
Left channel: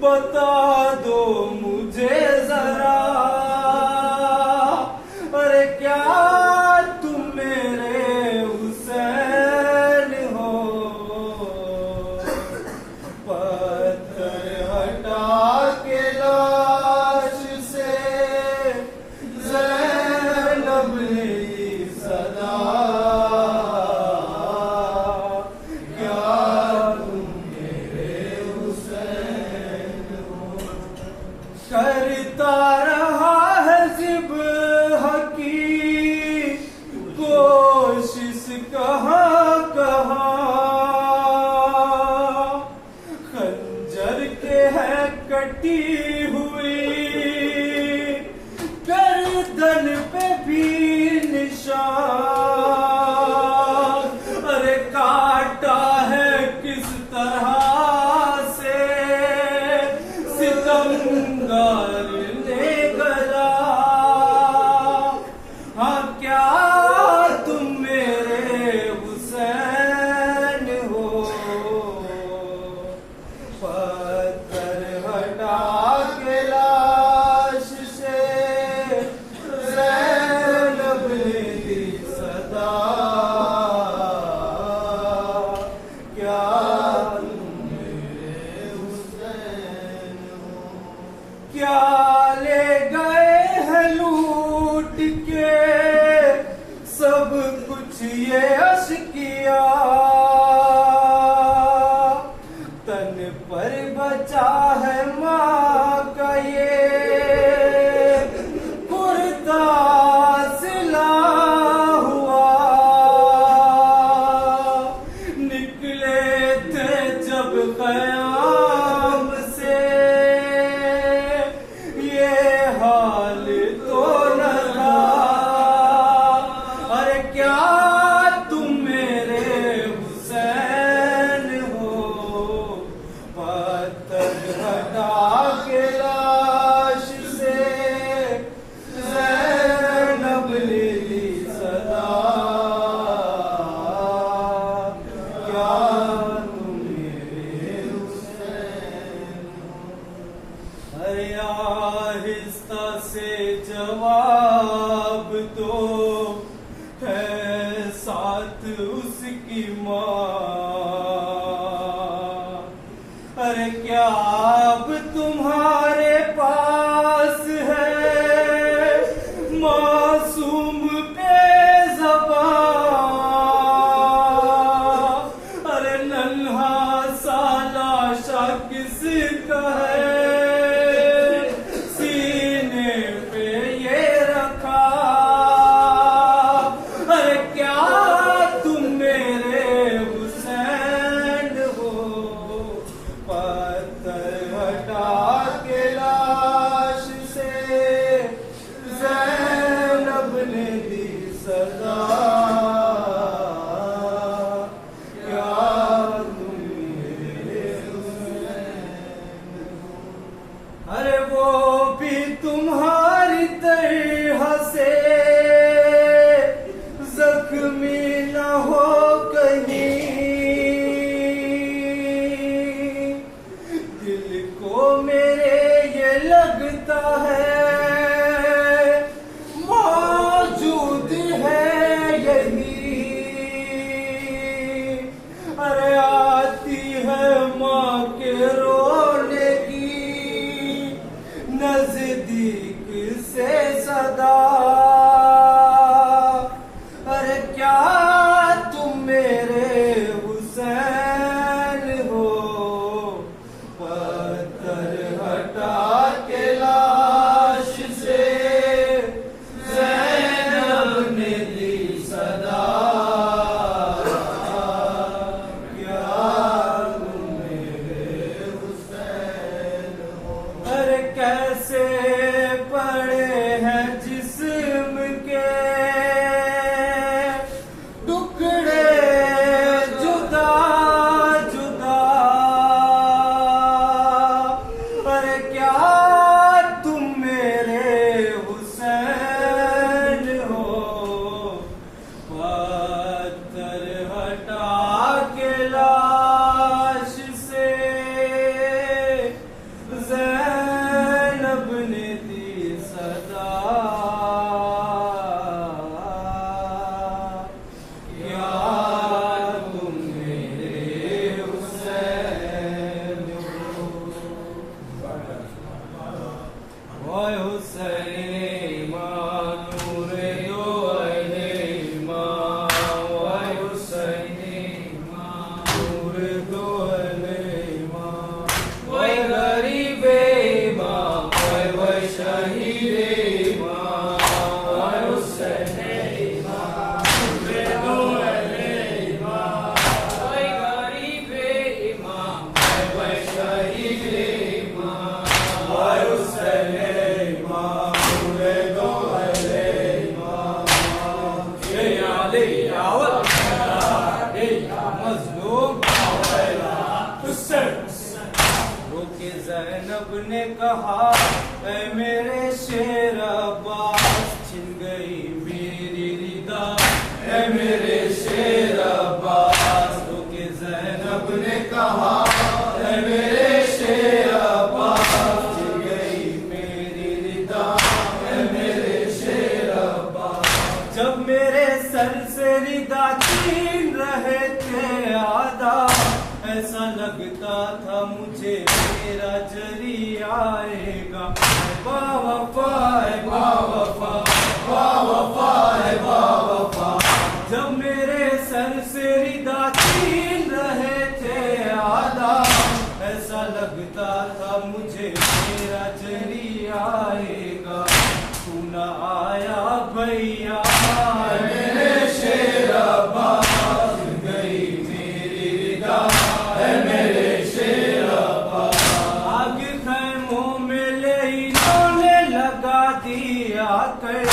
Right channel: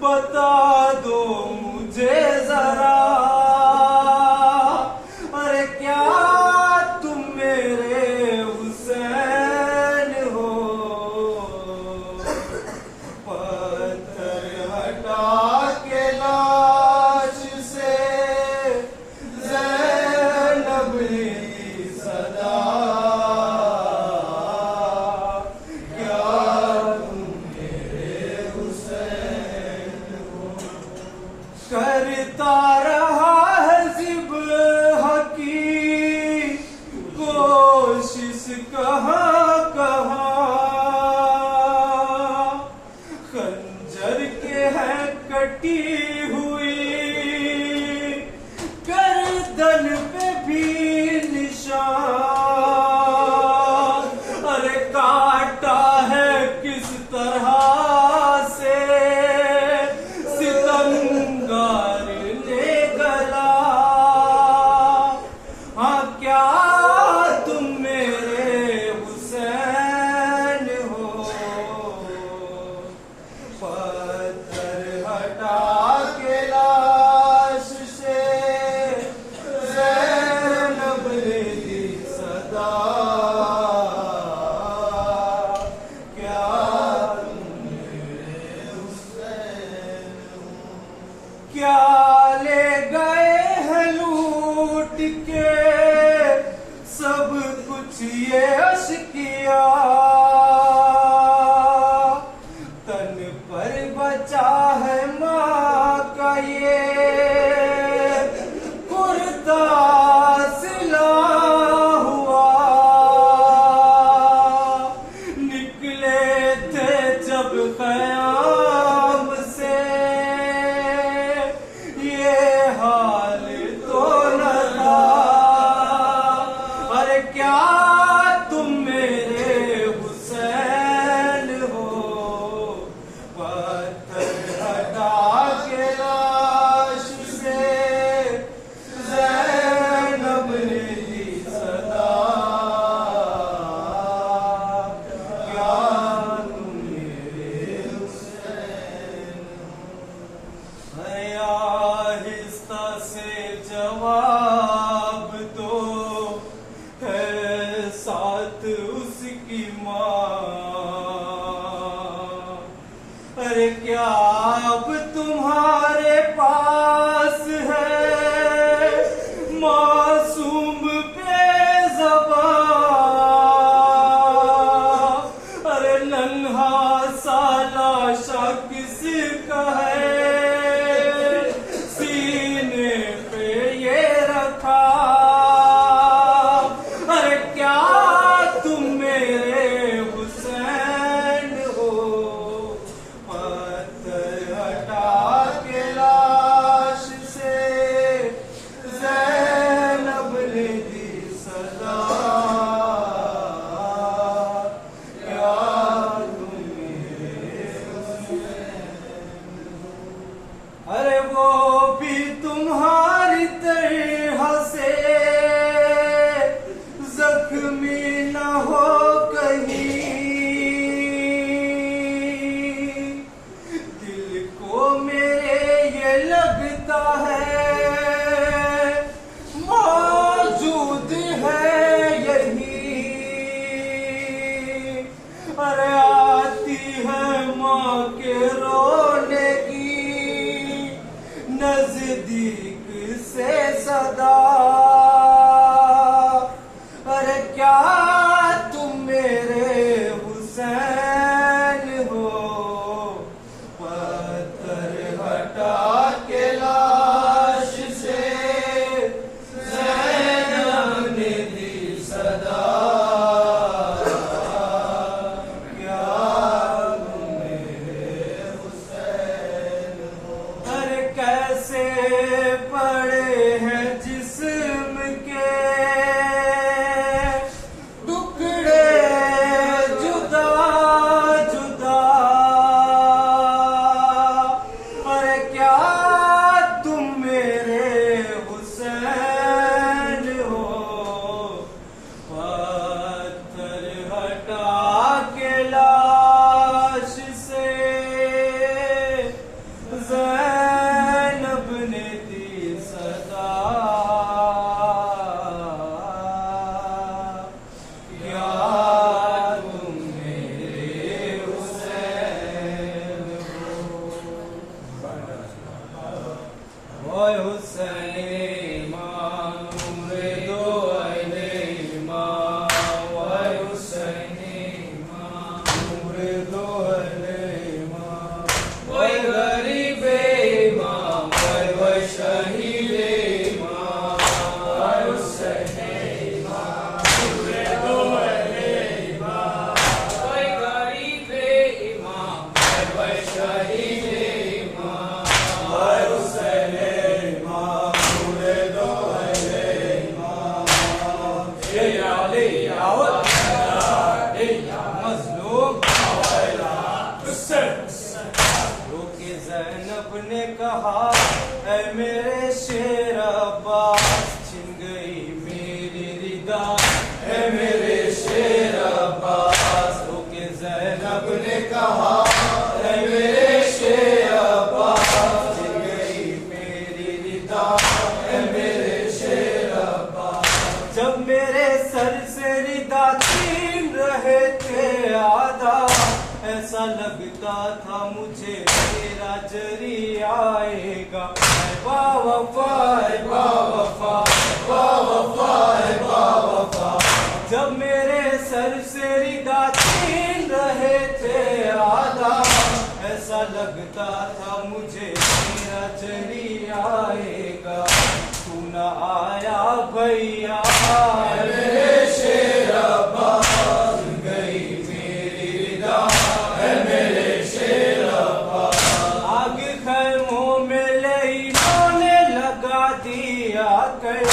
बता दो मुझे जरा। अरे क्या तुम मेरे हुसैन हो? पत्थर हटा के लाश से ज़ैनब ने दी सदा। क्या तुम मेरे हुसैन हो? करता रहा है ज़िब हकी कोशिश कहाँ कहाँ। खंजर के है कटी हुई गर्दन पे भी निशान। अरे काटा है किस तरह से सितमगार ने गला। कुछ ये अश्किया तन पर बचा है माँ का ये कुर्ता सिला हुआ। निकले थे जब क़याम से ये हाल तो न था। अरे क्या तुम मेरे हुसैन हो, पत्थर हटा के लाश से ज़ैनब ने ली सदा। क्या तुम मेरे हुसैन हो। अरे आहिस्ता से जवाब दो है साथ उसकी माँ। अरे क्या अब तुम्हारे पास है मासूम बेज़बां। अरे नन्हा सा लाशा किसका है सीने पे ये रखा। अरे क्या तुम मेरे हुसैन हो, पत्थर हटा के लाश से ज़ैनब ने दी सदा। क्या तुम मेरे हुसैन हो। अरे वो भी तुम्हारी तरह से जख्मी न हो कहीं। दिल को मेरे ये लगता है मौजूद है यही। अरे आती है माँ के रोने की नजदीक से सदा। अरे क्या तुम मेरे हुसैन हो, पत्थर हटा के लाश से ज़ैनब ने दी सदा। क्या तुम मेरे हुसैन हो। अरे कैसे पड़े हैं जिस्म के टुकड़े जुदा जुदा। अरे क्या तुम मेरे हुसैन हो, पत्थर हटा के लाश से ज़ैनब ने दी सदा। क्या तुम मेरे हुसैन हो। ओए हुसैन नूर दो अहले माँ। ओए हुसैन नूर दो अहले माँ। ओए गरीबे माँ, ओए शहीदे माँ। ओए हुसैन नूर दो अहले माँ। ओए गरीबे माँ, ओए शहीदे माँ। ओए हुसैन माँ नूर दो अहले माँ। ये आले आवत मजलूम रोके ज़ैनब ने कहा ऐ मेरे शेर अब्बास छिन गई मेरी रिदा। ऐ मेरे शेर अब्बास रोके ज़ैनब ने कहा ऐ मेरे शेर अब्बास छिन गई मेरी रिदा। ऐ मेरे शेर अब्बास जब मेरे सर से रिदा छीन रहे थे आधा। ऐसा लगता था मुझे मेरा जरी आएगा। बावफा बावफा बावफा बावफा जब मैं भैया मेरे शेर अब्बास गई मेरी रिदा है मेरे शेर अब्बास। आग खैमों में लहरों लगा दिया कर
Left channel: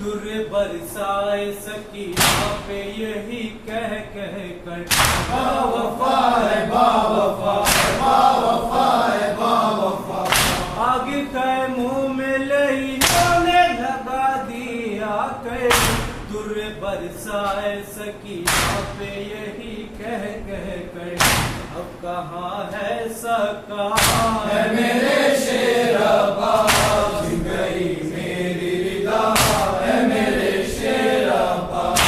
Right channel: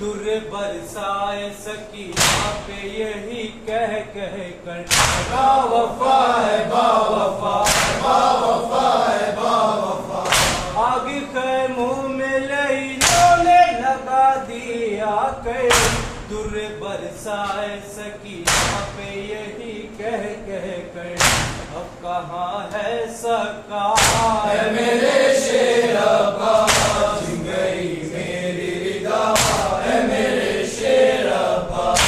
दुर बरसाए सकीना पे यही कह कह कर बावफा है बावफा बावफा है बावफा। आग खैमों में लहरों लगा दिया कर दुर बरसाए सकीना पे यही कह कह कर अब कहाँ है सका है मेरे शेर अब्बास गई मेरी रिदा है मेरे शेर अब्बास।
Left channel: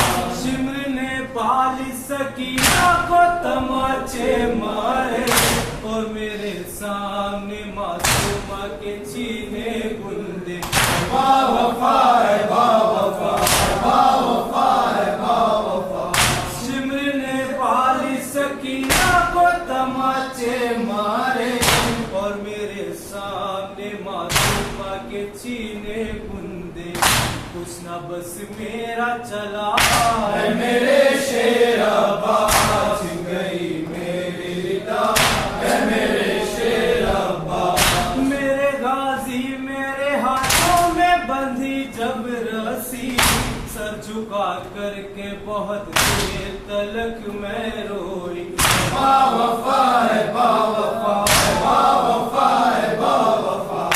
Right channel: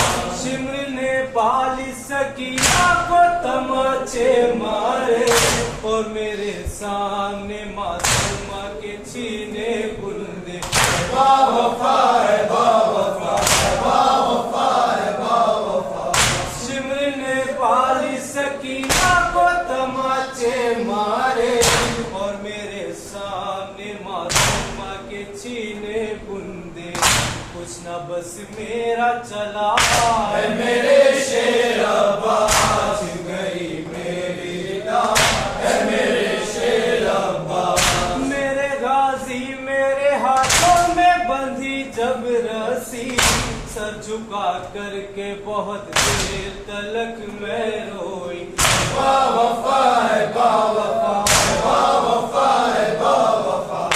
शिमर ने पाली सकीना को तमाचे मारे और मेरे सामने मासूमा के छीने बुंदे बावफा है बावफा बावफा है बावफा। शिमर ने पाली सकीना को तमाचे मारे और मेरे सामने मासूमा के छीने बुंदे कुछ न बस मेरा चला है मेरे शेर अब्बास गई मेरी रिदा है मेरे शेर अब्बास। मेरे गाजी मेरे हाथों में बंधी जब रस्सी सर झुका करके बहुत देर तलक मैं रोई बावफा है बावफा बावफा है बावफा।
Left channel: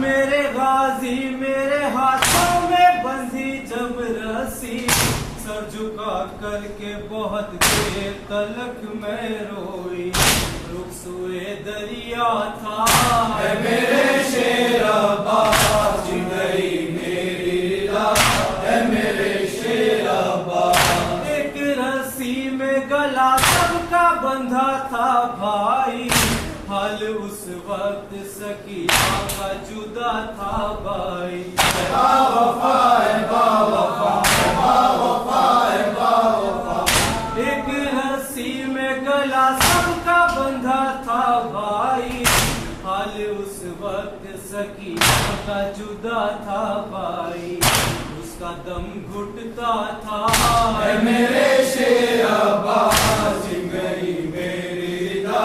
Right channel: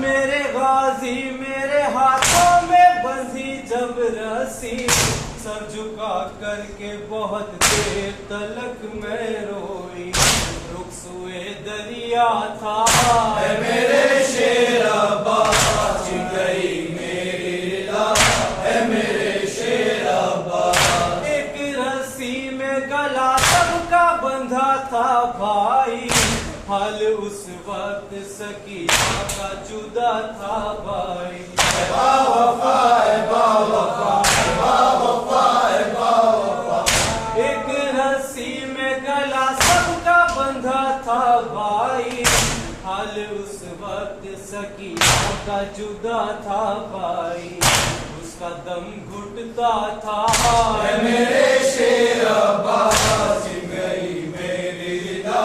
मेरे गाजी मेरे हाथों में बंधी जब रस्सी सर झुका करके बहुत देर तलक मैं रोई रुखसुए दरिया था है मेरे शेर अब्बास गई मेरी रिदा है मेरे शेर अब्बास। एक रस्सी में गला सबका बंधा था भाई हाल उस वक्त सकीना का जुदा था भाई बावफा है बावफा बावफा है बावफा। एक रस्सी में गला सबका बंधा था भाई हाल उस वक्त सकीना का जुदा था भाई उसका दम घुटता था है मेरे शेर अब्बास गई मेरी रिदा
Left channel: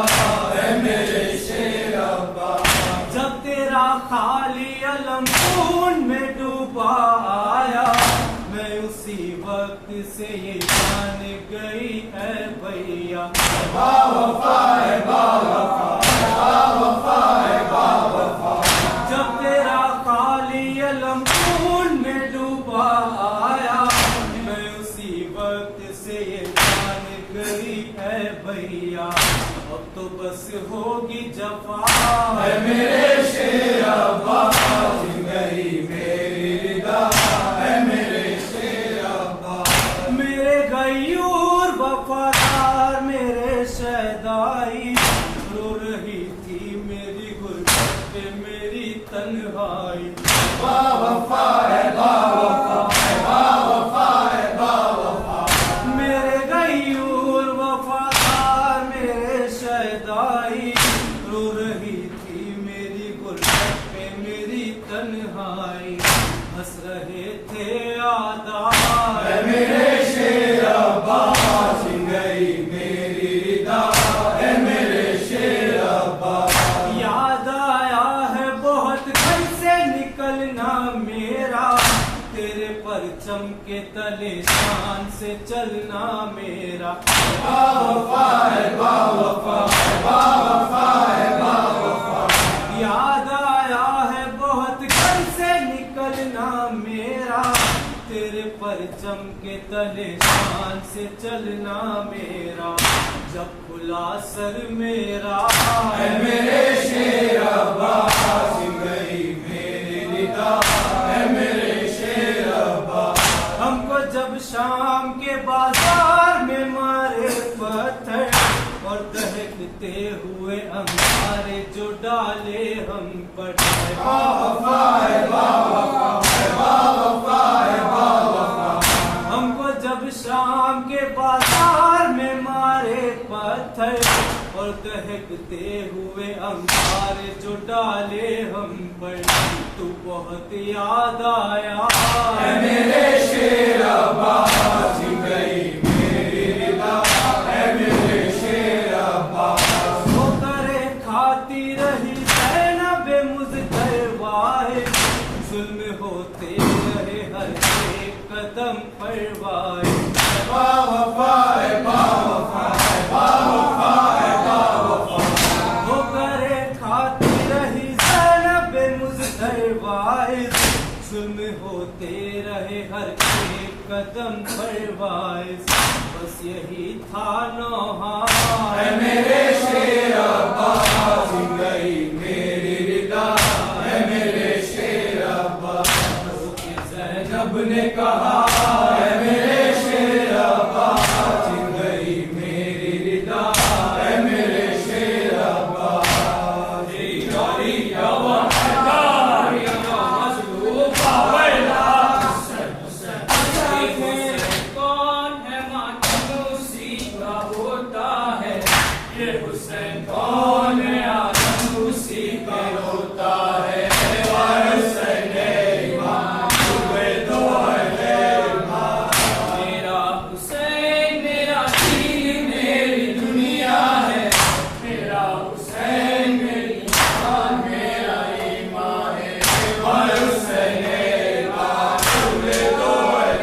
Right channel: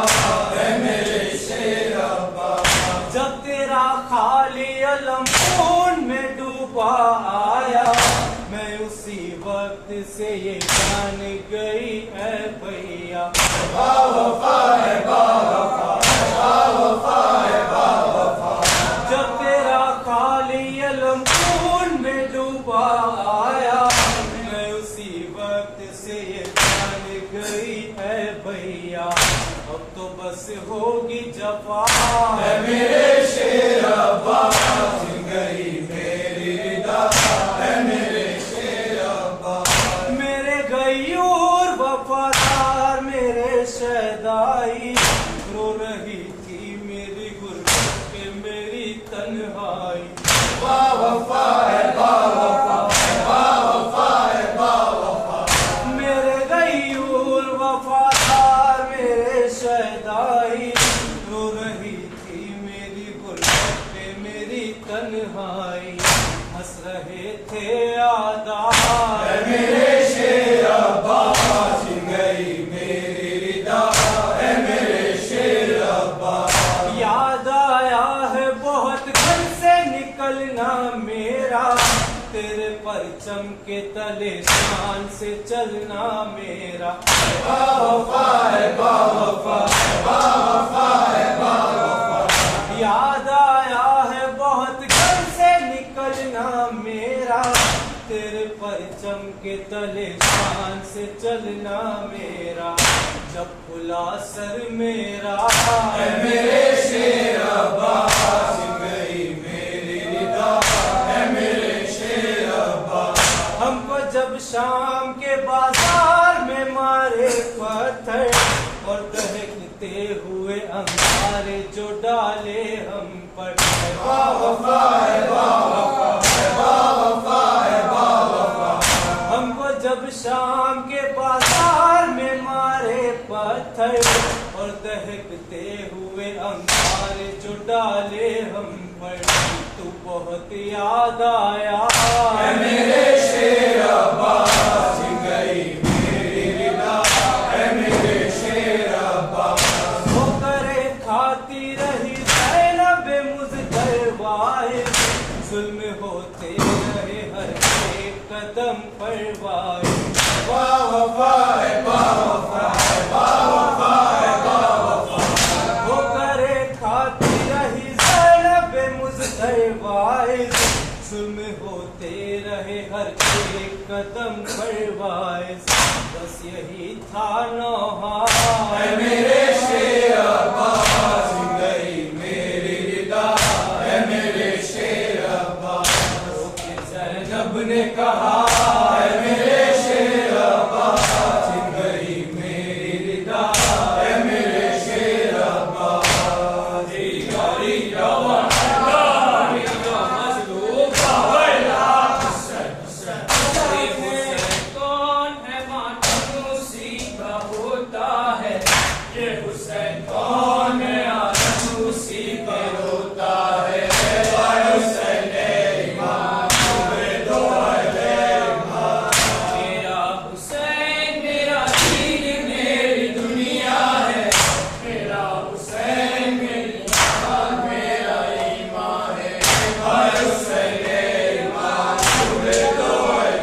है मेरे शेर अब्बास। जब तेरा खाली अलम खून में डूबा आया मैं उसी वक्त से ये जान गई है भैया बावफा है बावफा बावफा है बावफा। जब तेरा खाली अलम खून में डूबा आया मैं उसी वक्त से ये जान गई है भैया अब तो बस होगी जफा है मेरे शेर अब्बास गई मेरी रिदा है मेरे शेर अब्बास। मेरे गयूर वफादार मेरे शहदाई रो रही थी मेरी गुर्बत पे मेरी तन्हाई बावफा है बावफा बावफा है बावफा। मेरे गयूर वफादार मेरे शहदाई रो रही थी मेरी गुर्बत पे मेरी तन्हाई हंस रहे थे यादार है मेरे शेर अब्बास गई मेरी रिदा है मेरे शेर अब्बास। याद आया है बहुत घर से निकलना मेरा तेरे परचम के तले शान से चलना मेरा बावफा है बावफा बावफा है बावफा। याद आया है बहुत घर से निकलना मेरा तेरे परचम के तले शान से चलना मेरा जब खुला सर मेरा है मेरे शेर अब्बास गई मेरी रिदा है मेरे शेर अब्बास। हमको जब शाम के बाजार में मारे पत्थर और दहकते हुए अंगारे जो डाले हम पर बावफा है बावफा बावफा है बावफा। हमको जब शाम के बाजार में मारे पत्थर और दहकते हुए अंगारे जो डाले हम पर तू बहुत याद आया। है मेरे शेर अब्बास सिम गई मेरी रिदा, है मेरे शेर अब्बास। वो करे खाती रही ज़ैनब मुज़दरवाए, जुल्म होते रहे हर एक कदम पर वाए। बावफा है बावफा है बावफा है बावफा। वो करे खाती रही ज़ैनब मुज़दरवाए, जुल्म होते रहे हर एक कदम पर वाए। बस यही था नौहा है मेरे शेर अब्बास सिम गई मेरी रिदा, है मेरे शेर अब्बास। ज़ैनब ने कहा है मेरे शेर अब्बास सिम गई मेरी रिदा, है मेरे शेर अब्बास। यारी जवान मज़लूम वैला कौन है मानूसी का होता है, ये हुसैन कौन है आनूसी का होता है। मेरा हुसैन मेरा दिल मेरी दुनिया है, मेरा हुसैन मेरी जान मेरा ईमान है। और हुसैन ईमान तुझे दो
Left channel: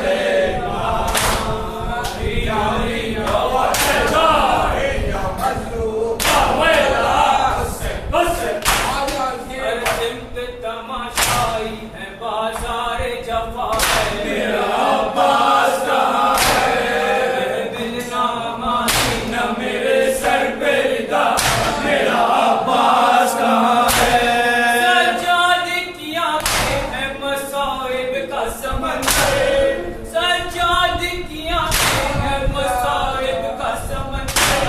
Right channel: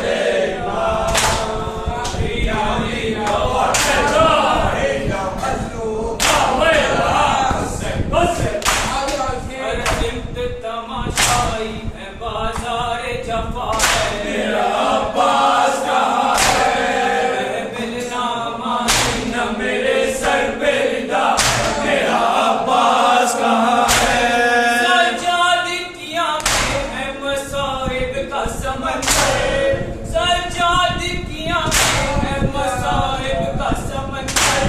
है ईमान। यारी जवान मज़लूम वैला हुसैन हुसैन। तमाशाई है बाजार जफा है, मेरा अब्बास कहाँ है? मिलना मानी न मेरे सर पे रिदा, मेरा अब्बास कहाँ है? सज्जाद की आंखें हैं मसाइब का समंदर, सज्जाद की आंखें हैं मसाइब का समंदर।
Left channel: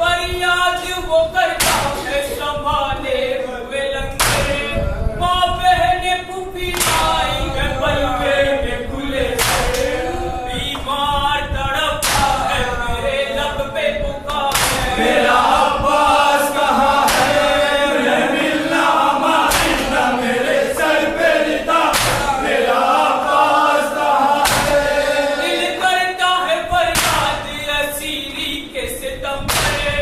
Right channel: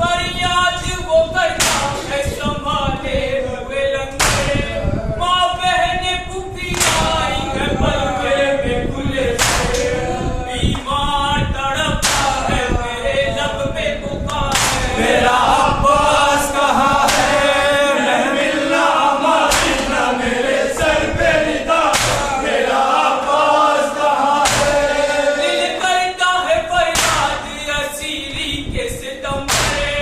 फरियाद वो करता है संभाले हुए लंगर, माँ बहने पुपी आई है बलवे में खुले से। बीमार तड़पता है मेरे लब पे पुकार है, मेरा अब्बास कहाँ है? मैं मिलना मारना मेरे सर पे रिदा, मेरा अब्बास कहाँ है? दिल करता है फरियाद असीरी के सितम करे,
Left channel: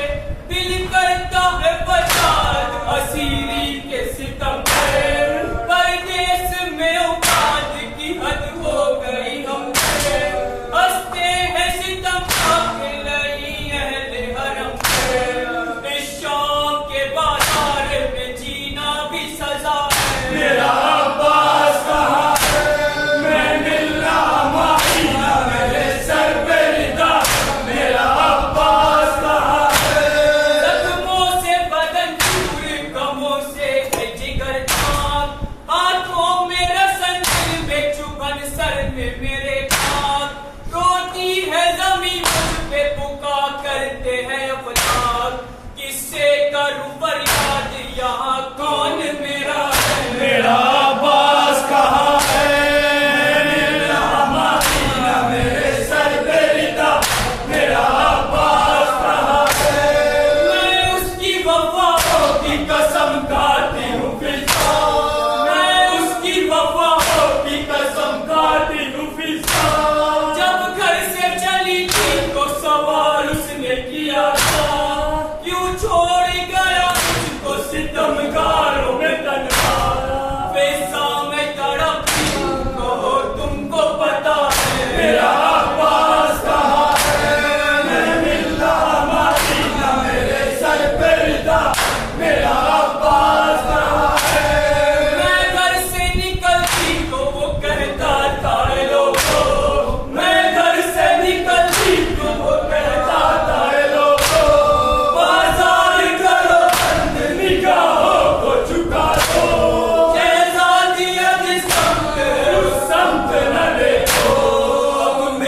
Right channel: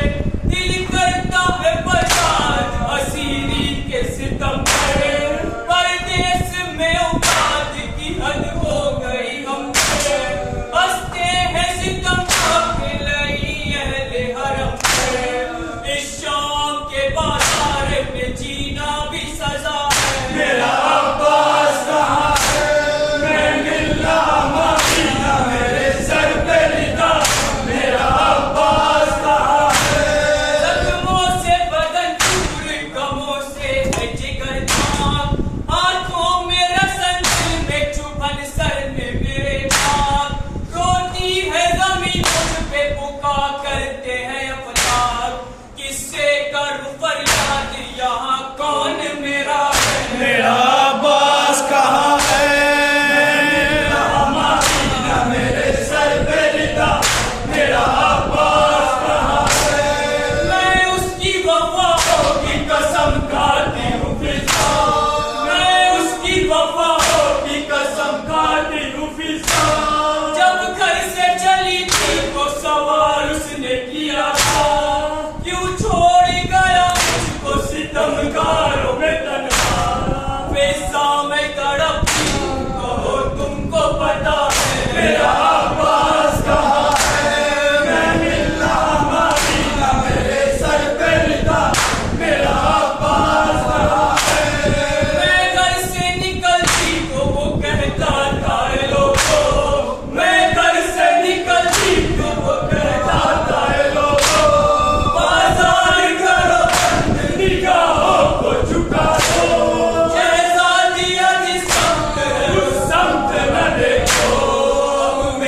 दिल करता है फरियाद असीरी के सितम करे। परदेस में औकात की हद हो गई हम पे, हंसते हैं सितम के लई अहले हरम पे। इस शाम के बाजार में जीना भी सजा है, मेरा अब्बास कहाँ है? मैं मिलना मारना मेरे सर पे रिदा, मेरा अब्बास कहाँ है? जख्मों से बदन चूर, गमों से है जिगर खाक, आंखों में रसन दिल में चुभन सर में मेरे भाग। रोती है जमीन मुझ पे पुका करते हैं अफताब, किससे करूं फरियाद यहाँ कौन मेरा है? मेरा अब्बास कहाँ है? मैं मिलना मारना मेरे सर पे रिदा, मेरा अब्बास कहाँ है? मैं उसकी वफाओं की कसम खाती हूँ फिजा, मैं उसकी वफाओं की कसम खाती हूँ फिजा। जब घर से चली थी तो सवाल उसने किया था, क्यों छोड़ गया मुझको सितमगारों में तन्हा, पैसा मैं तड़पती हूँ कहो तुमको पता है। मेरा अब्बास कहाँ है? मैं मिलना मारना मेरे सर पे रिदा, मेरा अब्बास कहाँ है? मैं घर से निकलती तो वो कहता था "ए लोगों", मैं घर से निकलती तो वो कहता था "ए लोगों, बाजार करो बंद, निगाहों को झुका दो, शहजादी जिस समत है उस समत न देखो। अब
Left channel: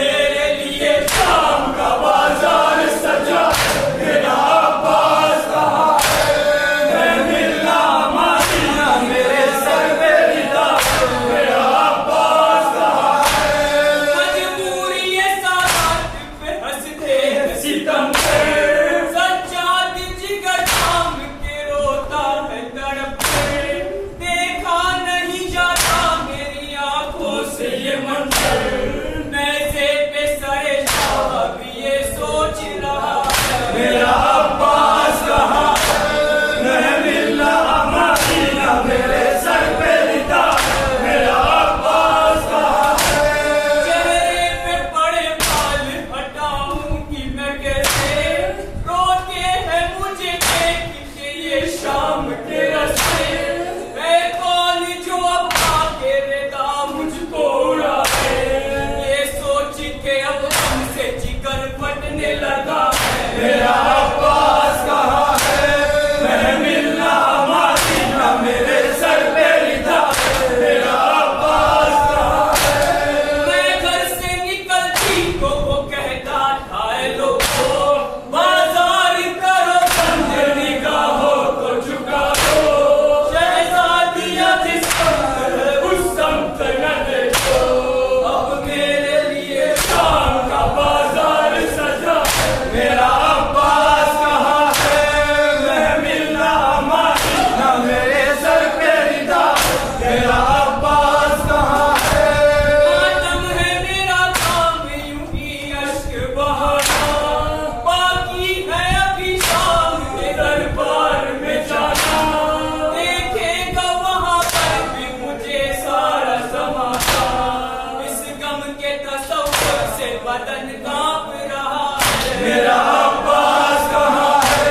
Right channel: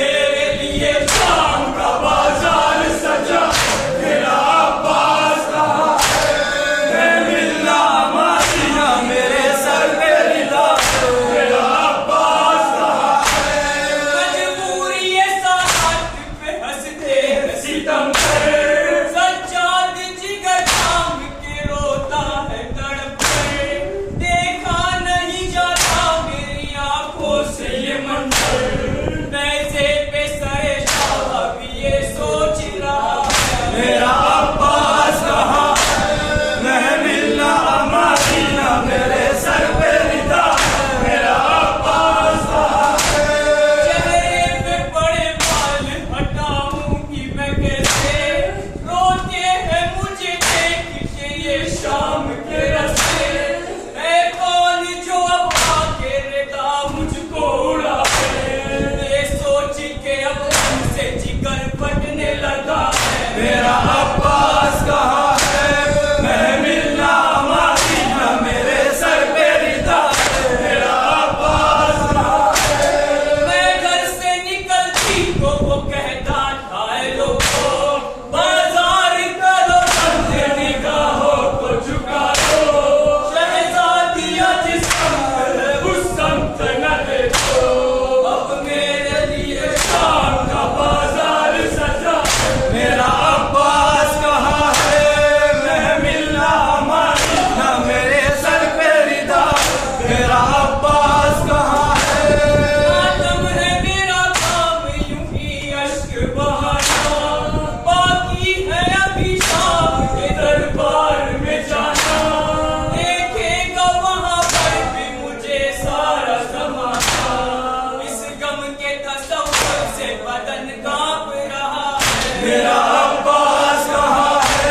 बदन कांप रहा है। मेरा अब्बास कहाँ है?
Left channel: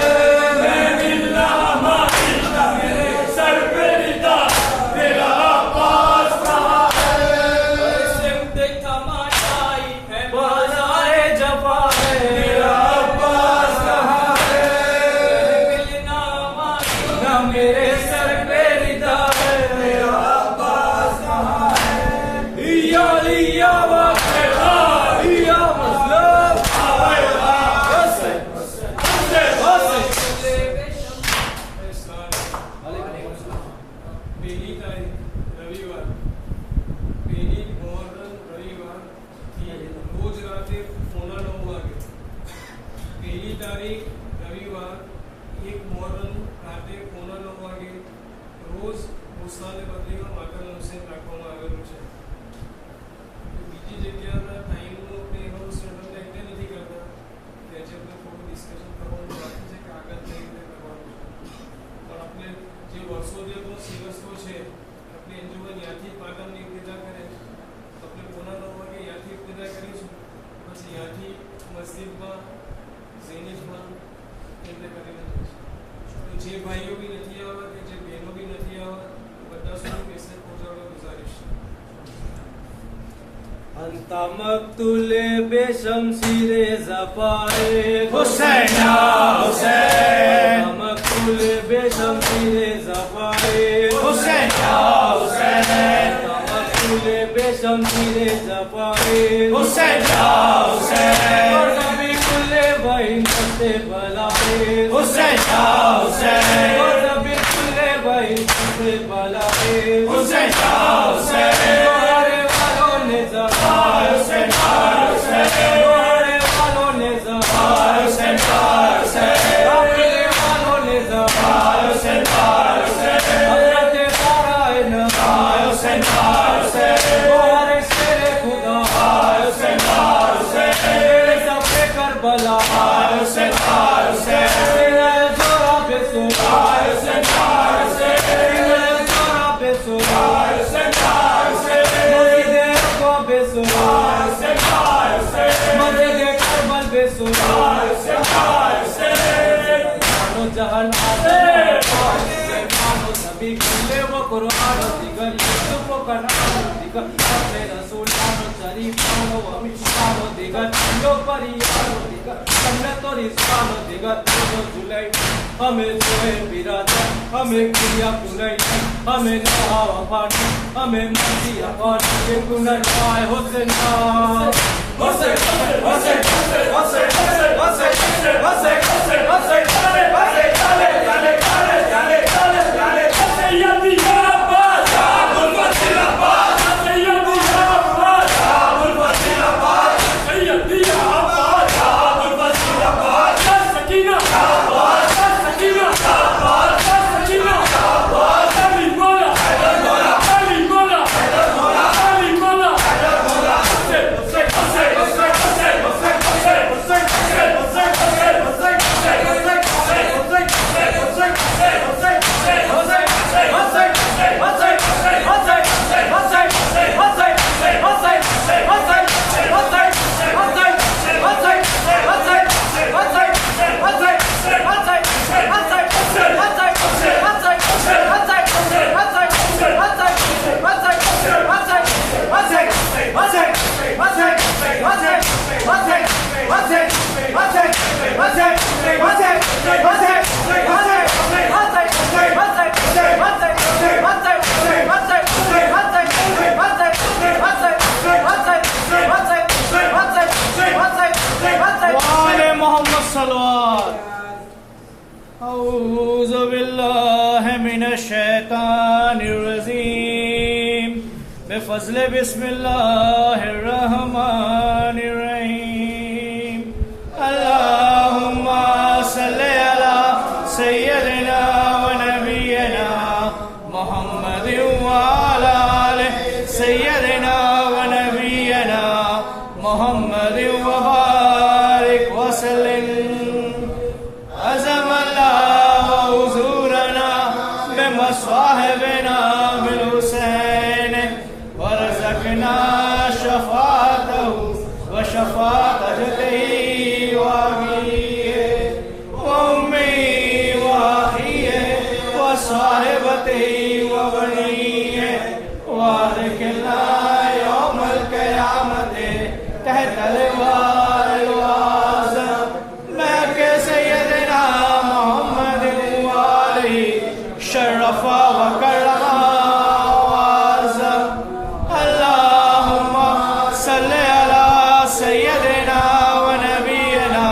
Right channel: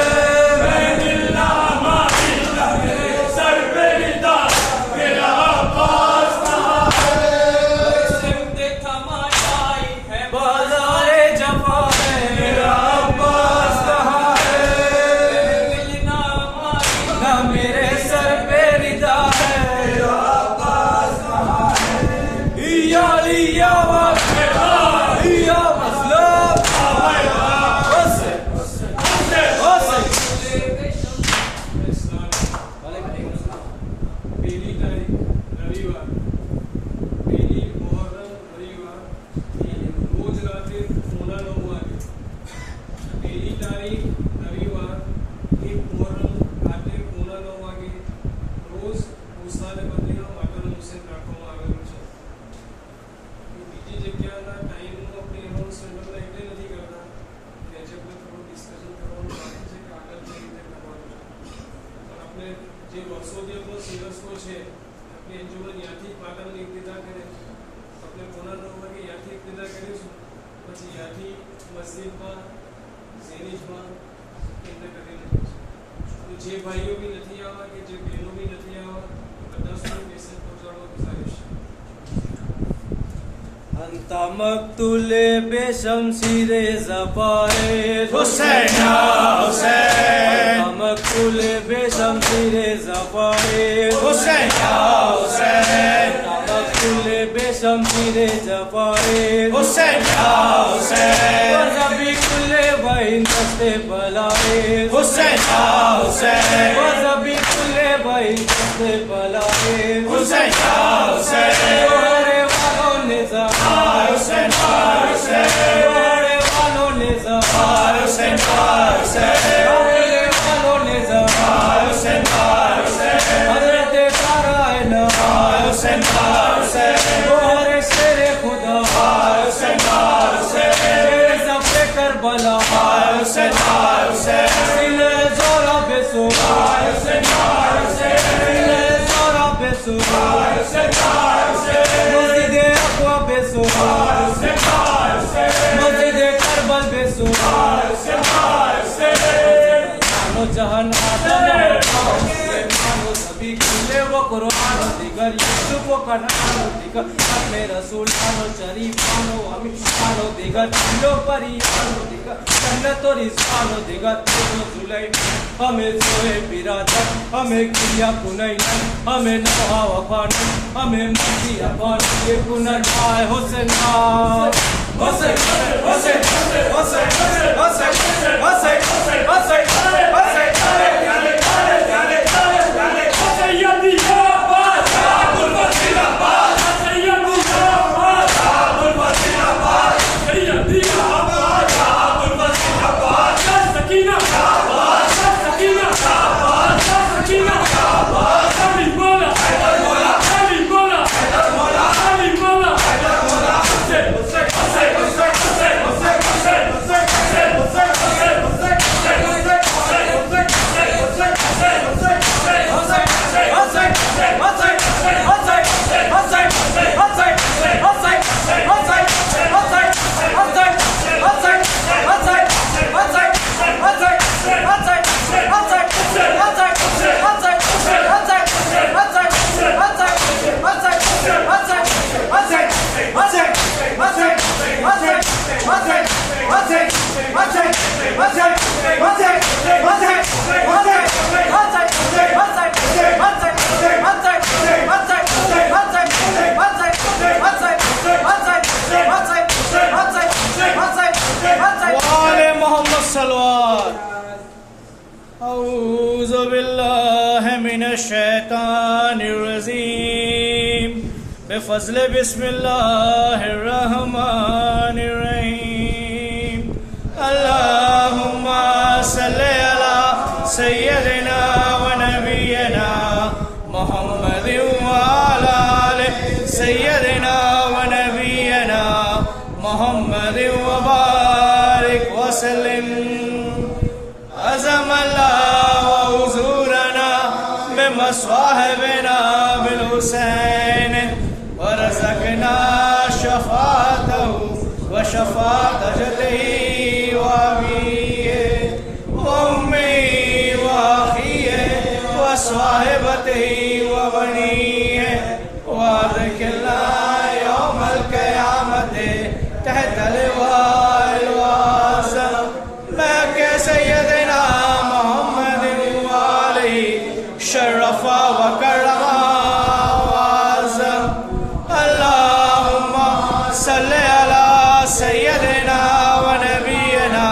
मैं मिलना मारिल्ला मेरे सर पे रिदा, मेरा अब्बास कहाँ है? सिमत थमाई है बाज़ारे जफ़ा है, मेरा अब्बास कहाँ है? मिलना मारिल्ला ना मेरे सर पे रिदा है। मेरा अब्बास कहाँ है? या लिया या मतलब पहली तारीख रविवार, पहली मोहर्रम रविवार रोज रात्रि 9:45 वागे। पहली तारीख रविवार 1 मोहर्रम રાત્રે 9:45 વાગે રોજ મુસાને બદલીનો માતાનો હુસેન રાખવામાં આવેલું છે। બીજી જગ્યાના ટાઈમનો આપણે એનો સંબંધ એટલે નથી કરતા કે આજે આપણે થોડું ડિસ્કશન કરવાનું બાકી છે કે આગળ કઈ રીતે કરવાનું છે, પણ આપણે જે વર્ષોથી આપણો સિરસ્તો છે આપણે અંજુમન યાથી પાટણની ઇબ્તિદા કરે, આપણે 9:45 વાગે યાથી ઇબ્તિદા કરીશું, પછી યાથી મસ્જિદમાં ઝેનિશમાં કેન્દ્ર કરીને જઈશું। તો જે ભાઈઓ બી નથી આવવા કે જે બહેનો બી નથી આવવા બધા સુધી મેસેજ પહોંચાડવા ગુજારિશ। अंत मक्तूल बेशमशीर ज़फ़ाए हुसैन हुसैन, मक्तूल बेशमशीर ज़फ़ाए हुसैन हुसैन, मक्तूल बेशमशीर ज़फ़ाए हुसैन हुसैन, वज़बी कुल्ले बहिन दस्ते बलाए हुसैन हुसैन, वज़बी कुल्ले बहिन दस्ते बलाए हुसैन हुसैन, जोरे वालों ने ज़फ़ार हुसैन हुसैन, जोरे वालों ने ज़फ़ार हुसैन हुसैन, अपने वालों ने ज़फ़ार हुसैन हुसैन, हज़रत साराए नवा हुसैन हुसैन, तुम्हारे शेरे खुदा हुसैन हुसैन, शेरे सफ़े करबला हुसैन हुसैन, इले ज़ोरा बेसुरा हुसैन हुसैन, इले ज़ोरा बेसुरा हुसैन हुसैन, मस्जिदे अक़वा बेसुरा हुसैन हुसैन, मस्जिदे करबल बेसुरा हुसैन हुसैन, जानो जहान मानो सभी खुले वो कुरान दिगर यूसुफ वो करानो दिगर हमें रसूल आनो शरीफ आनो अमी आनो दिगर लो परियानो दिगर जन्नत और इस्मानो दिगर तो जुलाई हमें सोए बिरादर हमें किया कुनई हमें नहा वफानी हमें मर्जी अफानी ये पुनर्वाय हुसैन हुसैन हुसैन हुसैन हुसैन हुसैन औज़ु बिल्लाहि मिनश शैतानिर रजीम बिफज़्ल बिस्मिल्लाहिर रहमानिर रहीम अल्लाहुम्मा सल्लि अला सय्यदिना व नबियना मुहम्मदिन व अला आलि सय्यदिना व नबियना मुहम्मदिन व बारिक व सल्लिम अज़मल्लाहु हुज़ूरना बिमस्वाहिबिना बिल हुसैन वरज़क़ना शफ़ाअतहु व शफात जतही व अमीए व उम्मी व अखीए व साहिबतही व बनीए व अदखिलना यौमल क़यामते तहत लिवाइल वाज़म लके सय्यदना मोहम्मद व आलिही शर्रफा व कररमा सल्ले अला सय्यदना व नबीना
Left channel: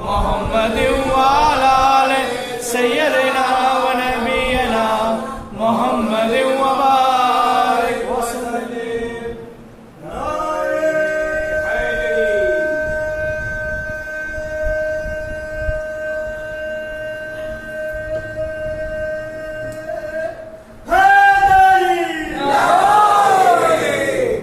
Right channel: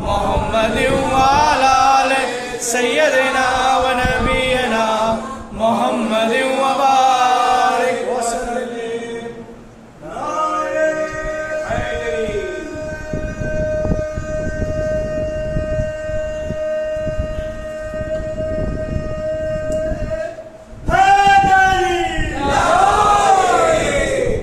मोहम्मद व